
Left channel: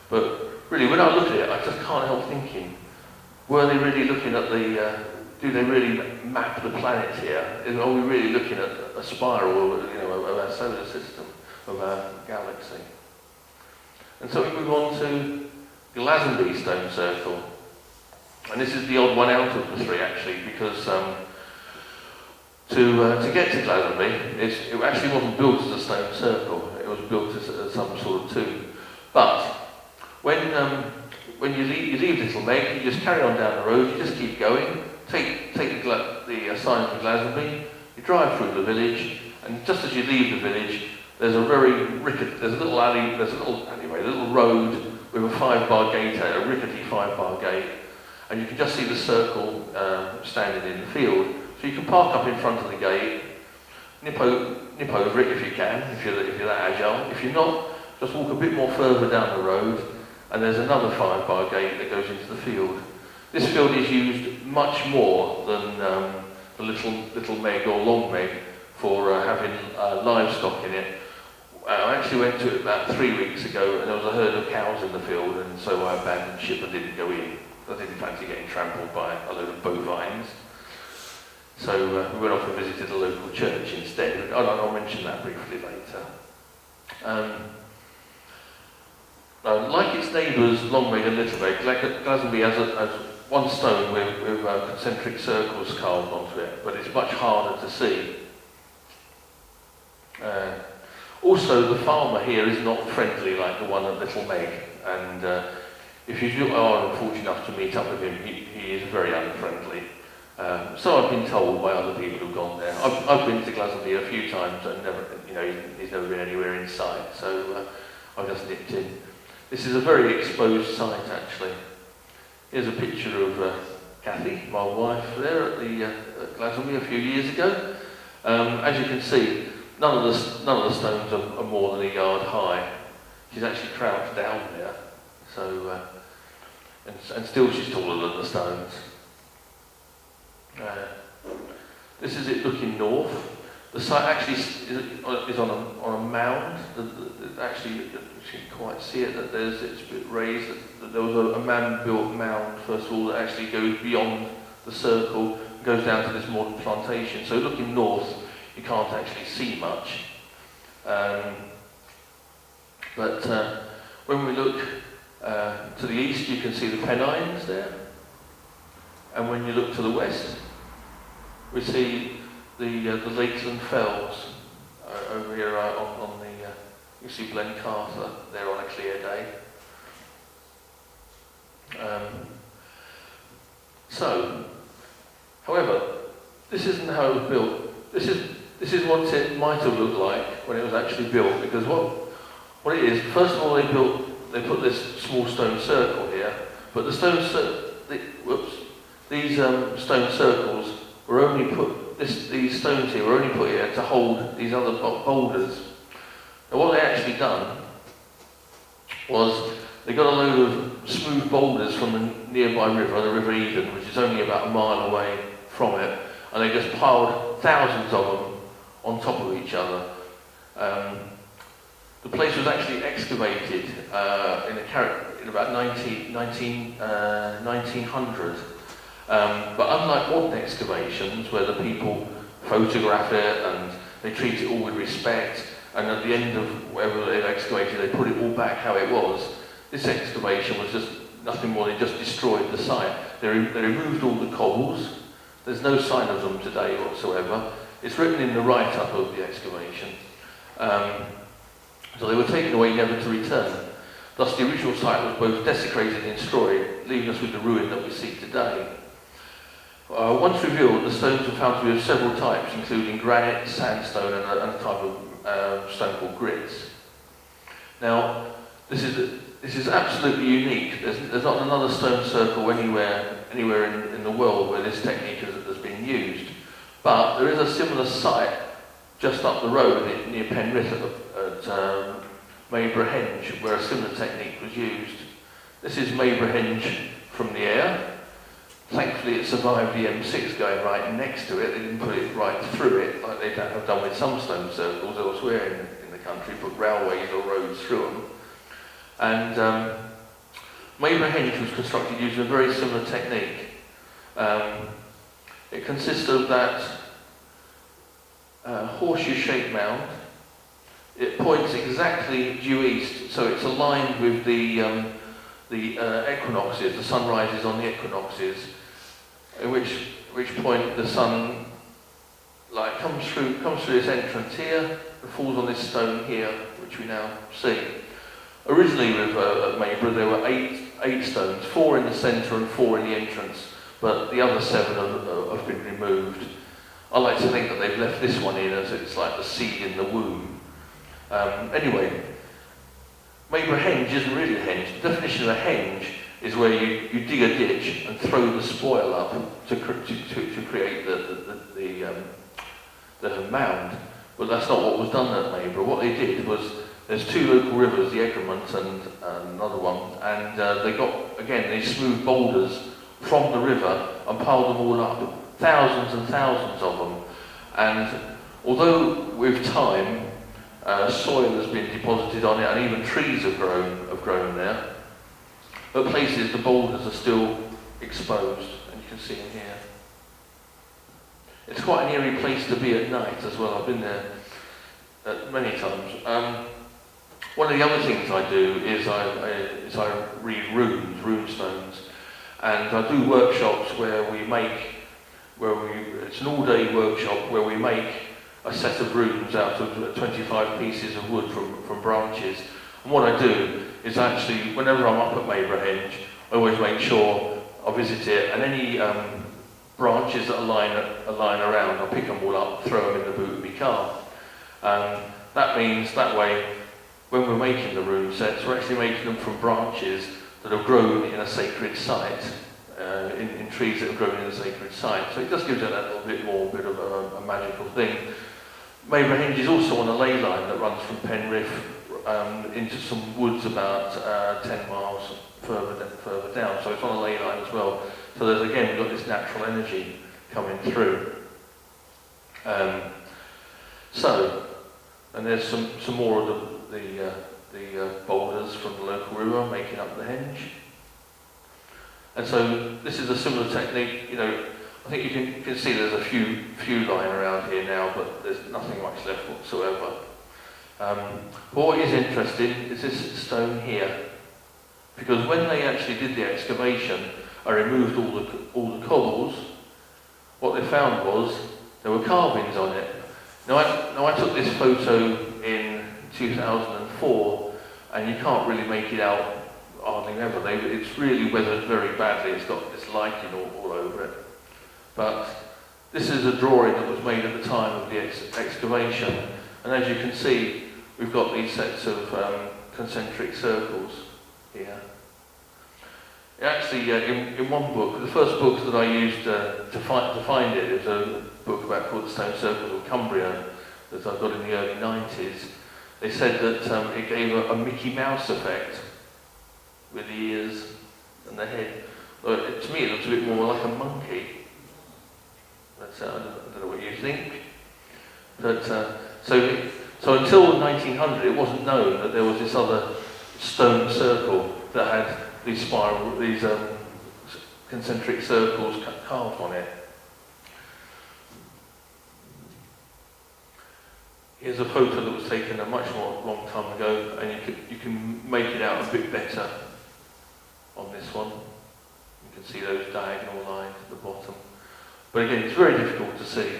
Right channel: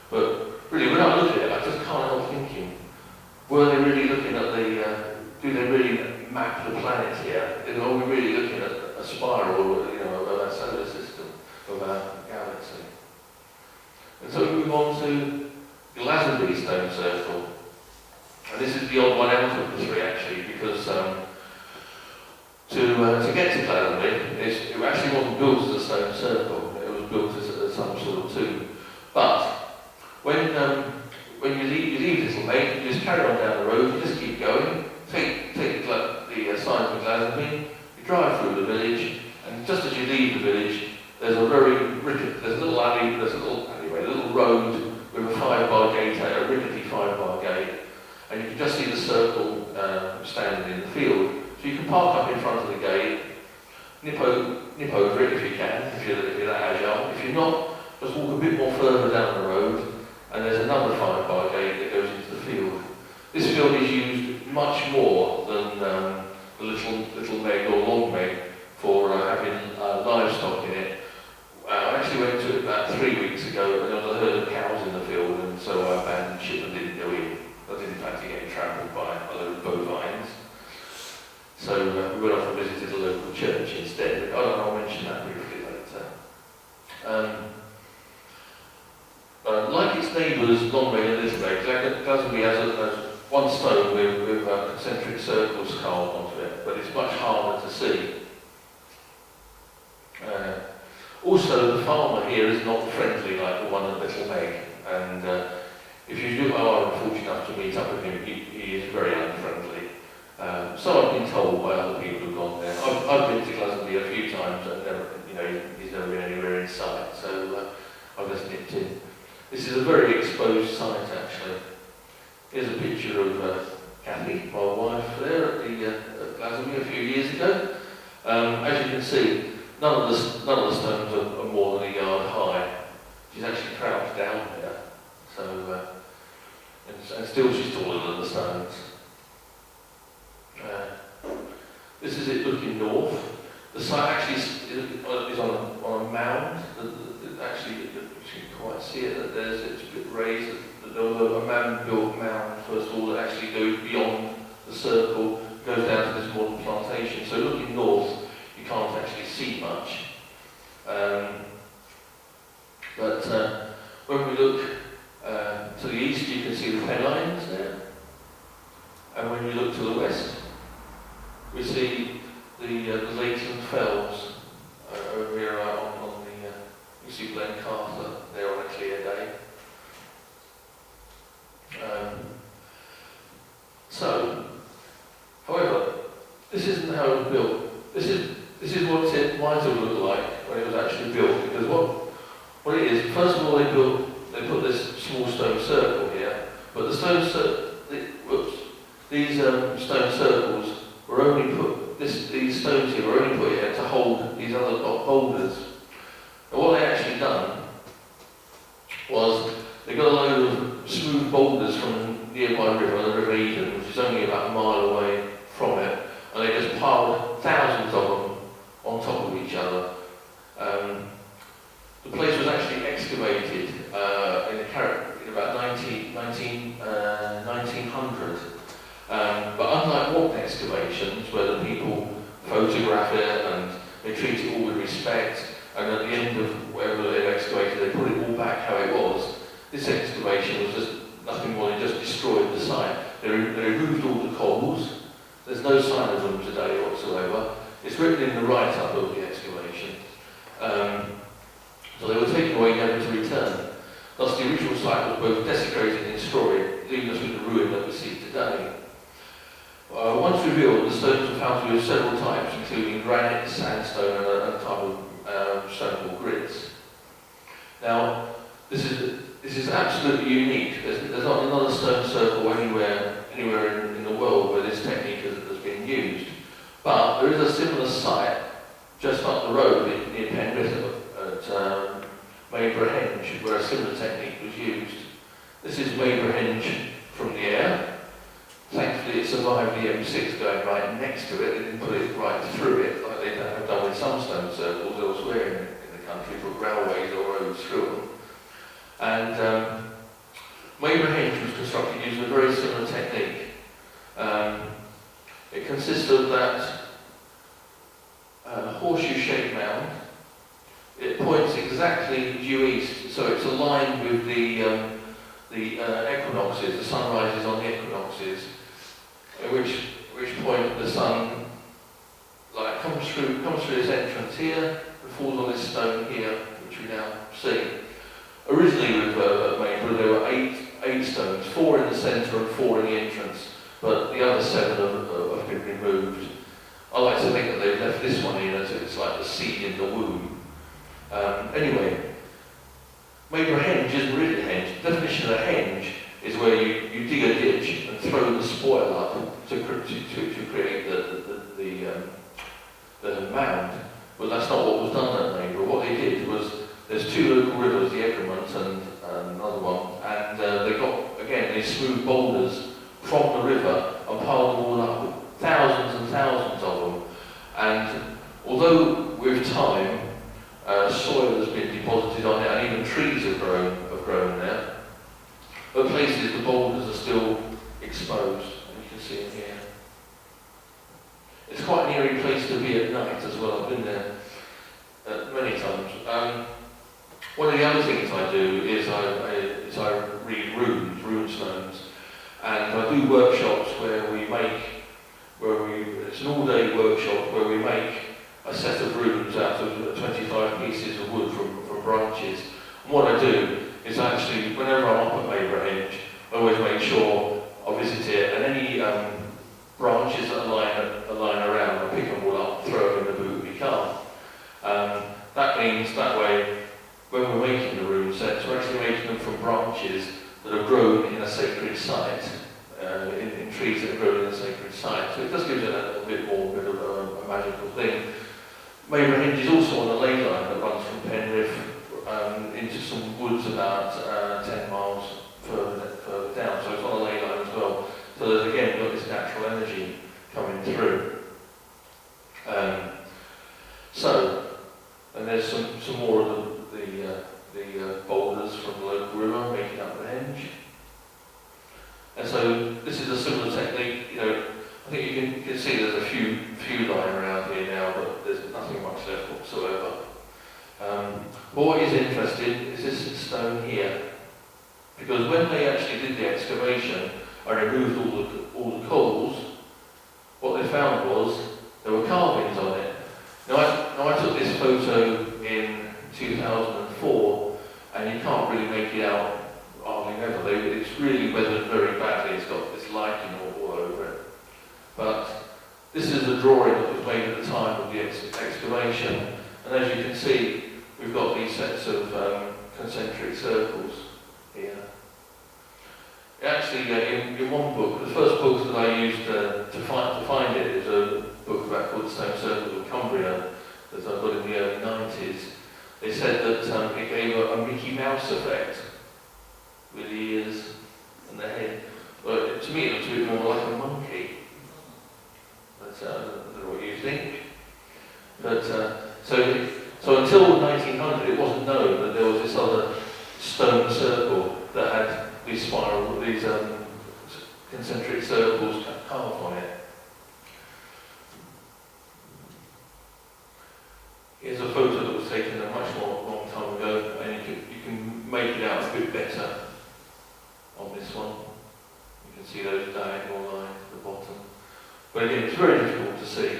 But really, when I look at it, I just can't help thinking, were they really looking at do they really map the planet here? Are we really looking at a spiral, of our solar system, of our galaxy? And so we move on to Glastonbury Stone Circle. And this is the odd one out of the three, actually, because to get to Glastonbury, it actually wasn't built as a stone circle. It was built as some sort of tomb. But when you leave Little Meg, you just carry on down the road. You just keep going. Take drive through the village, and just as you leave the village, there's a little alley, a little road with a 5-bar gate at a rickety 5-bar gate, and you can just see the circle standing in the field. So you can park up in front of the gate, nip over it if you can, if you're that agile. If you're not, just walk a bit more further down the road, and there's another 5-bar gate that goes into the field. This field is used much more than the little meg or long meg for having livestock in it. I actually went to it about 3 weeks ago, and there was a herd of cows in the field, and so I abandoned ship and didn't go in. I didn't fancy getting trampled by a load of bovines. So we went off and visited a local church instead. I'll mention that briefly later. Like its neighbours, Longmeg and Littlebeg, Glastonbury has one stone with concentric circles carved onto it, but it's much harder to see. Also, the farmer here is not friendly like the one at Littlebeg, and if you are fortunate enough to meet up with him, he is very unfriendly. So I've been told by other people who've gone there. I've been to Glastonbury a few times, and he's never been anywhere in sight, so I've just nipped in. This is a very exposed site, actually. Here's a picture of Kathy, my wife, there at Glastonbury a few years ago. As you can see, none of the stones are more than a yard high. She's actually crouched down there, so and still she's taller than the stones. This is it looking north. The site actually is on a mound. Actually, you can quite see it. That it's a bit raised. There was a man-built mound first of all that actually goes beyond the circle, goes down to this modern plantation. So looking north, you can't actually see much. But when we look to the east, you can see the Pennines there. And when we look to the west, we see the lakes and fells over here on the. You see Blencarthur there on a clear day. However, this isn't how it was built. This is what it might have looked like when it was actually built. Because what it is, first of all, they put this small stone circle here, but these stone circles were only put. These stones here were only put here to hold these other boulders. And what they actually done was they got a load of smooth boulders from a nearby river, the River Eden, which is only about a mile away from it, and they just piled thousands of them on top of each other. The place was actually excavated in about 1900. But unlike modern excavations, where the people photograph it and they treat it all with respect, and at the end of wherever they've excavated, they put it all back how it was. This excavation was just nothing more than just destroyed the site. They removed all the cobbles. There's no sign of them today whatsoever. It's written in the write-up of the excavation. So they were taken away, never to return. Thus the original site was both desecrated and destroyed, leaving us with the ruin that we see today. Once revealed, the stones were found to be of several types, including granite, sandstone, and a type of stone called grits. Now, this is absolutely unique. There's not another stone circle anywhere in the world where this technique has been used. But there is a similar site just up the road near Penrith at Mabrahenge, where a similar technique was used. This is Mabrahenge from the air. Thankfully, it survived the M6 going right next to it. They didn't put it right through it, like they have done with some stone circles elsewhere in the country, put railways or roads through them. And Mabrahenge was constructed using a very similar technique. It consists of that horseshoe-shaped mound. It points exactly due east, so it's aligned with the equinoxes, the sun rises on the equinoxes, at which point the sun comes through this entrance here, and falls on this stone here, which we now see. Originally with Mayborough there were eight stones, 4 in the centre and 4 in the entrance, but the other 7 have been removed. I like to think that they've left this one in as it's like the seed in the womb. Anyway, maybe a henge isn't really a henge. The definition of a henge is where you dig a ditch and throw the spoil up to create the mound. But that's not what was done at Neighbour. What they did was, there's two local rivers, the Egremont and another one, and they got, again, these smooth boulders from the river and piled them all up, thousands and thousands of them. And although with time, soil has been deposited on it and even trees have grown there, at places the boulders are still exposed, you can see in here. It's quite an eerie place to be at night as well. I've been there many times. One of the other things I do is I read rune stones, and I do workshops it's an all-day workshop where we make a set of runes out of 25 pieces of wood from branches. And what I do is actually, whenever I'm up at Maybury Henge, I always make sure I visit it, and any branches that are lying around, I'll pick them all up, throw them in the boot of my car. That means that way, when we're making the rune sets, we're actually making them from branches that are grown in a sacred site, in trees that are grown in a sacred site. So it does give it a little bit more of a magical thing. Maybury Henge is also on a ley line that runs from Penrith into some woods about 10 miles further down. So it's on a ley line as well. So there's again got this natural energy coming through. And there's some more of the boulders from the local river making up the henge. And so this is a similar technique. I think you can see there's a few lying around here now, but there's nothing much left whatsoever. What is interesting is this stone here, because when they actually did the excavation and removed all the cobbles, what they found was there were carvings on it. Now I took this photo in 2004, and you can't really make it out hardly ever. It's really weathered very badly. It's got this lichen all over it. But this is a drawing that was made at the time of the excavation, and as you can see, we've got these sets of concentric circles here. Actually, in one book, the first book that I used to find it is a book called The Stone Circles of Cumbria that I got in the early 90s. They said that it gave a Mickey Mouse effect with the ears and the head. But to me, it looks a bit more like a monkey. But I don't know what you think. But so until 1900, it wasn't known that there was this other stone circle that had these concentric circles carved on it. Here's a photo that was taken a much long time ago, and you can make it out a bit better on this one. You can see those diagonal lines at the bottom. But again, it's very difficult to see.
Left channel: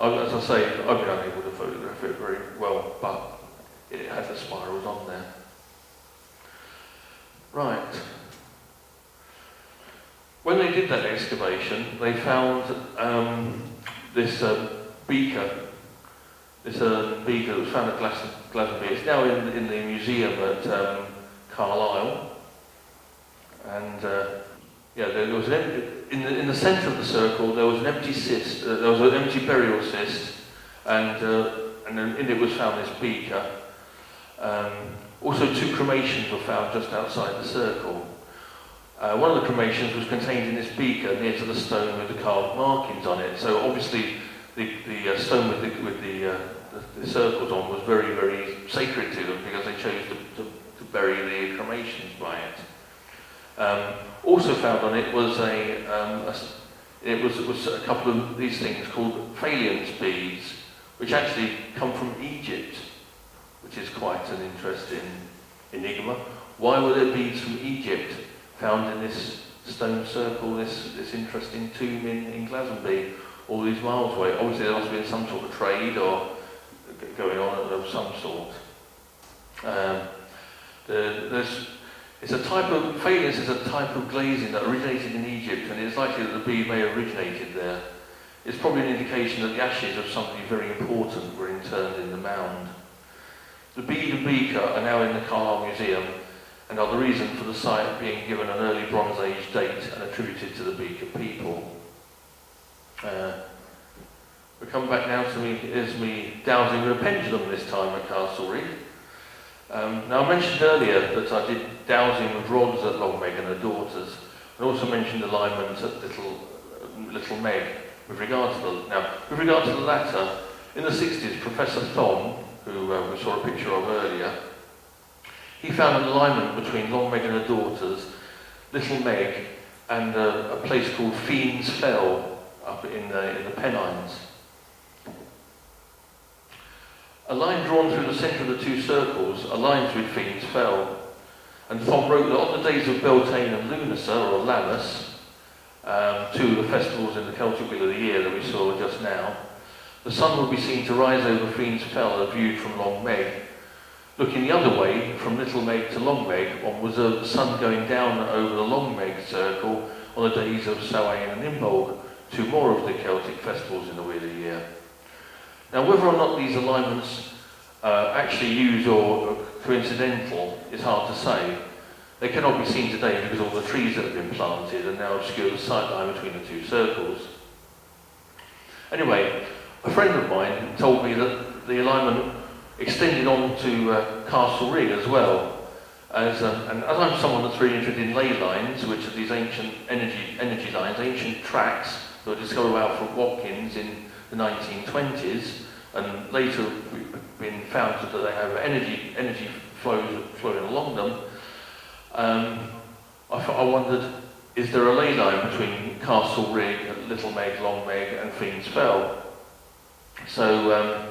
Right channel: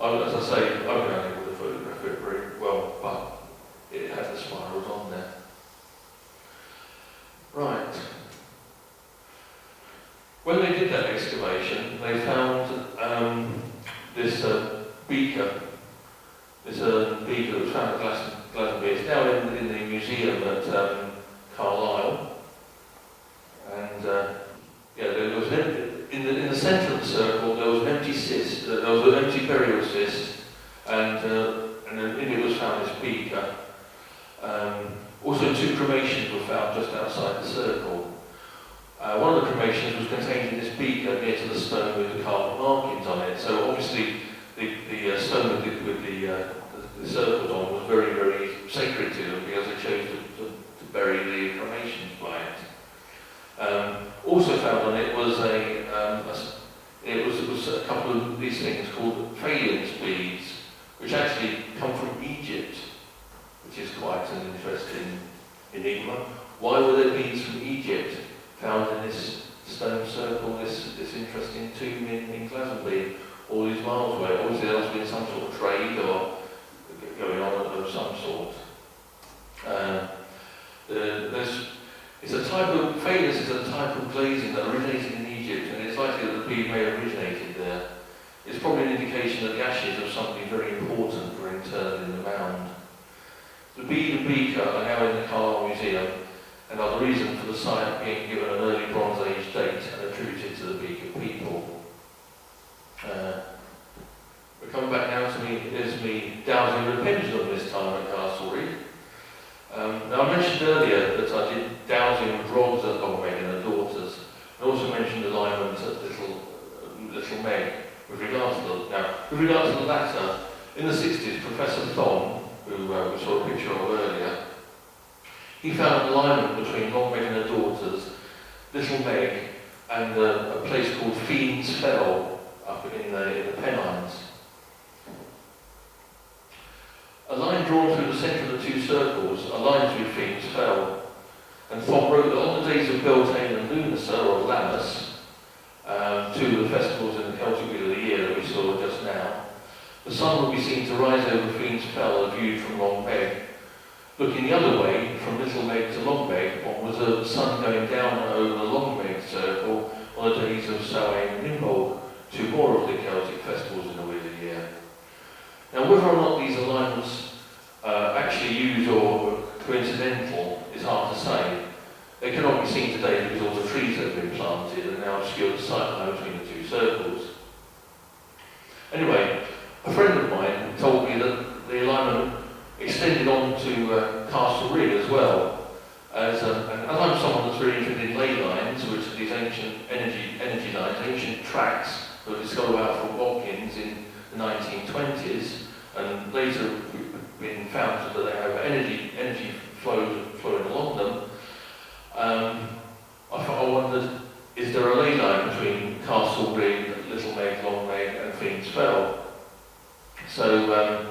As I say, I've been unable to photograph it very well, but it has the spirals on there. Right. When they did that excavation, they found this beaker. This beaker that was found at Glastonbury. It's now in the museum at Carlisle. And there was in the centre of the circle there was an empty cyst. There was an empty burial cyst, and in it was found this beaker. Also, two cremations were found just outside the circle. One of the cremations was contained in this beaker near to the stone with the carved markings on it. So obviously, the stone with the circles on was very, very sacred to them because they chose to bury the cremations by it. Also found on it was a couple of these things called phalanx beads, which actually come from Egypt, which is quite an interesting enigma. Why were there beads from Egypt found in this stone circle, this interesting tomb in Glastonbury, all these miles away? Obviously there must have been some sort of trade or going on of some sort. It's a type of phalanx is a type of glazing that originated in Egypt, and it's likely that the bead may have originated there. It's probably an indication that the ashes of somebody very important were interred in the mound. The bead and beaker are now in the Carlisle Museum and are the reason for the site being given an early Bronze Age date and attributed to the Beaker people. We come back now to me dowsing with a pendulum this time at Castlereagh. Now I mentioned earlier that I did dowsing with rods at Long Meg and the daughters. I also mentioned alignment at Little Meg with regards to the latter. In the 60s, Professor Thom, who we saw a picture of earlier, he found an alignment between Long Meg and the daughters, Little Meg, and a place called Fiends Fell up in the Pennines. A line drawn through the centre of the two circles aligns with Fiends Fell, and Thom wrote that on the days of Beltane and Lunacy, or Lammas, two of the festivals in the Celtic Wheel of the Year that we saw just now, the sun will be seen to rise over Fiends Fell as viewed from Long Meg. Looking the other way, from Little Meg to Long Meg, one was the sun going down and over the Long Meg circle on the days of Samhain and Imbolc, two more of the Celtic festivals in the Wheel of the Year. Now, whether or not these alignments are actually used or coincidental is hard to say. They cannot be seen today because all the trees that have been planted and now obscure the sightline between the two circles. Anyway, a friend of mine told me that the alignment extended on to Castlereagh as well. And as I'm someone that's very interested in ley lines, which are these ancient energy lines, ancient tracks that were discovered out from Watkins in the 1920s, and later been found that they have energy flowing along them. I wondered, is there a ley line between Castlereagh, Little Meg, Long Meg, and Fiends Fell? So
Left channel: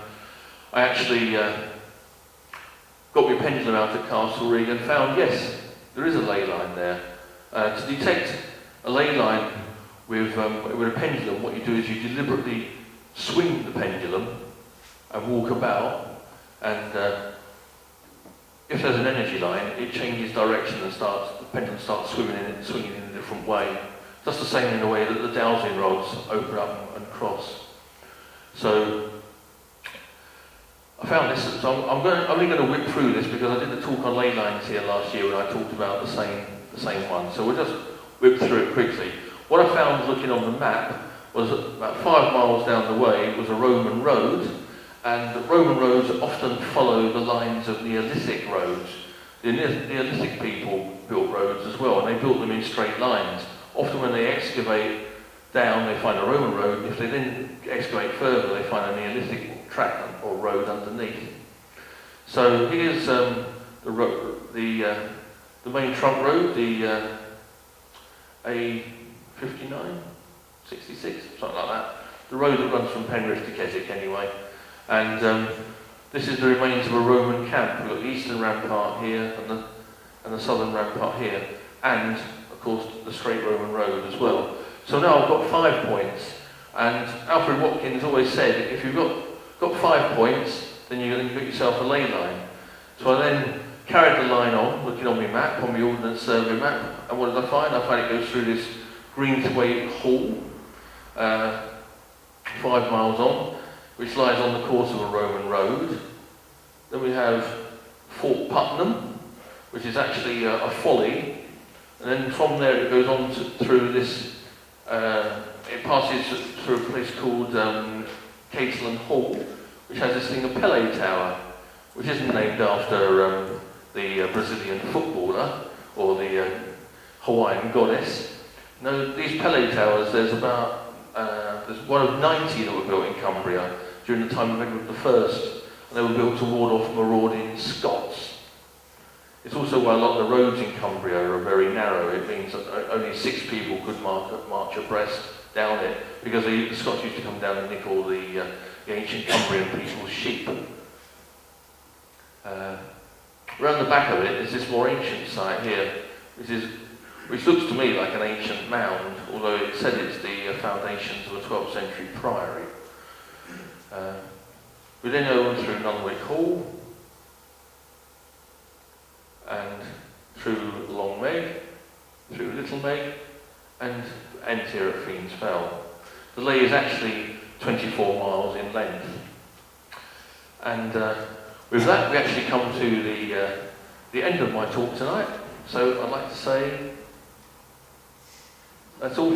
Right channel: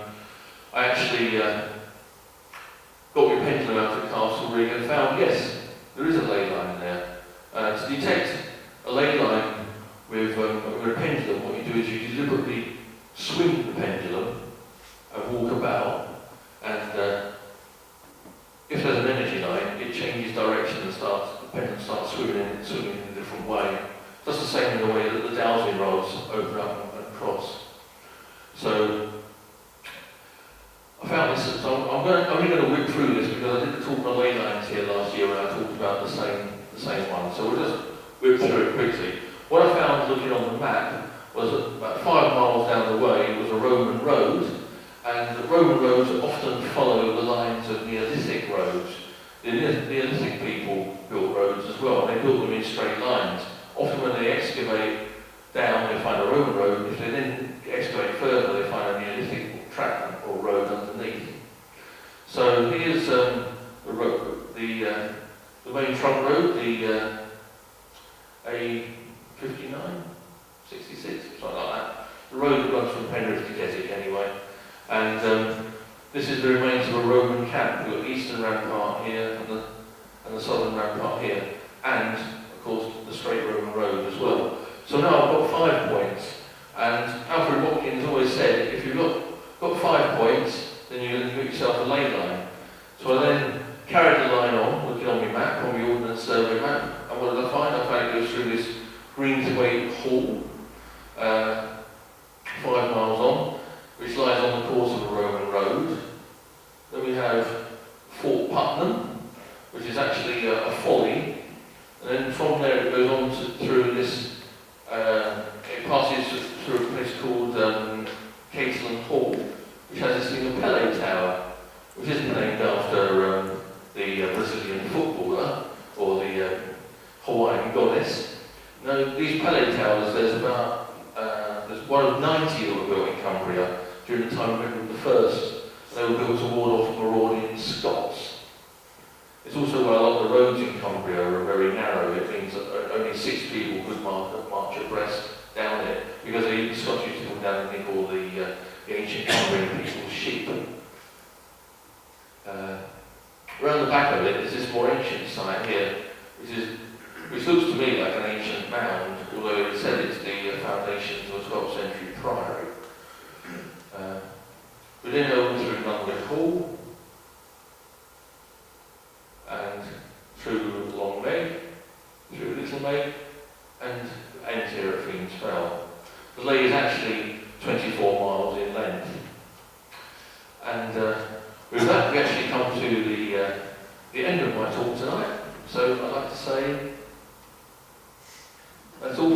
I actually got my pendulum out at Castlereagh and found, yes, there is a ley line there. To detect a ley line with a pendulum, what you do is you deliberately swing the pendulum and walk about, and if there's an energy line, it changes direction and the pendulum starts swinging in a different way. Just the same in the way that the dowsing rods open up and cross. So I found this, so I'm only going to whip through this because I did a talk on ley lines here last year where I talked about the same one. So we'll just whip through it quickly. What I found looking on the map was that about 5 miles down the way was a Roman road, and the Roman roads often follow the lines of Neolithic roads. The Neolithic people built roads as well, and they built them in straight lines. Often when they excavate down, they find a Roman road. If they then excavate further, they find a Neolithic track or road underneath. So here's the main trunk road, the A59, 66, something like that. The road that runs from Penrith to Keswick anyway. And this is the remains of a Roman camp. We've got the eastern rampart here and the southern rampart here. And, of course, the straight Roman road as well. So now I've got 5 points. And Alfred Watkins always said, if you've got 5 points, then you're going to make yourself a ley line. So I then carried the line on, looking on my map, on my Ordnance Survey map, and what did I find? I found it goes through this Greensway Hall, 5 miles on, which lies on the course of a Roman road. Then we have Fort Putnam, which is actually a folly, and then from there it goes on through this, it passes through a place called Cateland Hall, which has this thing, a Pele Tower, which isn't named after the Brazilian footballer or the Hawaiian goddess. No, these Pele Towers, there's one of 90 that were built in Cumbria during the time of Edward I. They were built to ward off marauding Scots. It's also why a lot of the roads in Cumbria are very narrow. It means that only 6 people could march abreast down it, because the Scots used to come down and nick all the ancient Cumbrian people's sheep. Around the back of it is this more ancient site here, which looks to me like an ancient mound, although it said it's the foundations of a 12th century priory. We then go on through Nunwick Hall, and through Long Meg, through Little Meg, and end here at Fiends Fell. The lake is actually 24 miles in length. And with that, we actually come to the end of my talk tonight. So I'd like to say that's all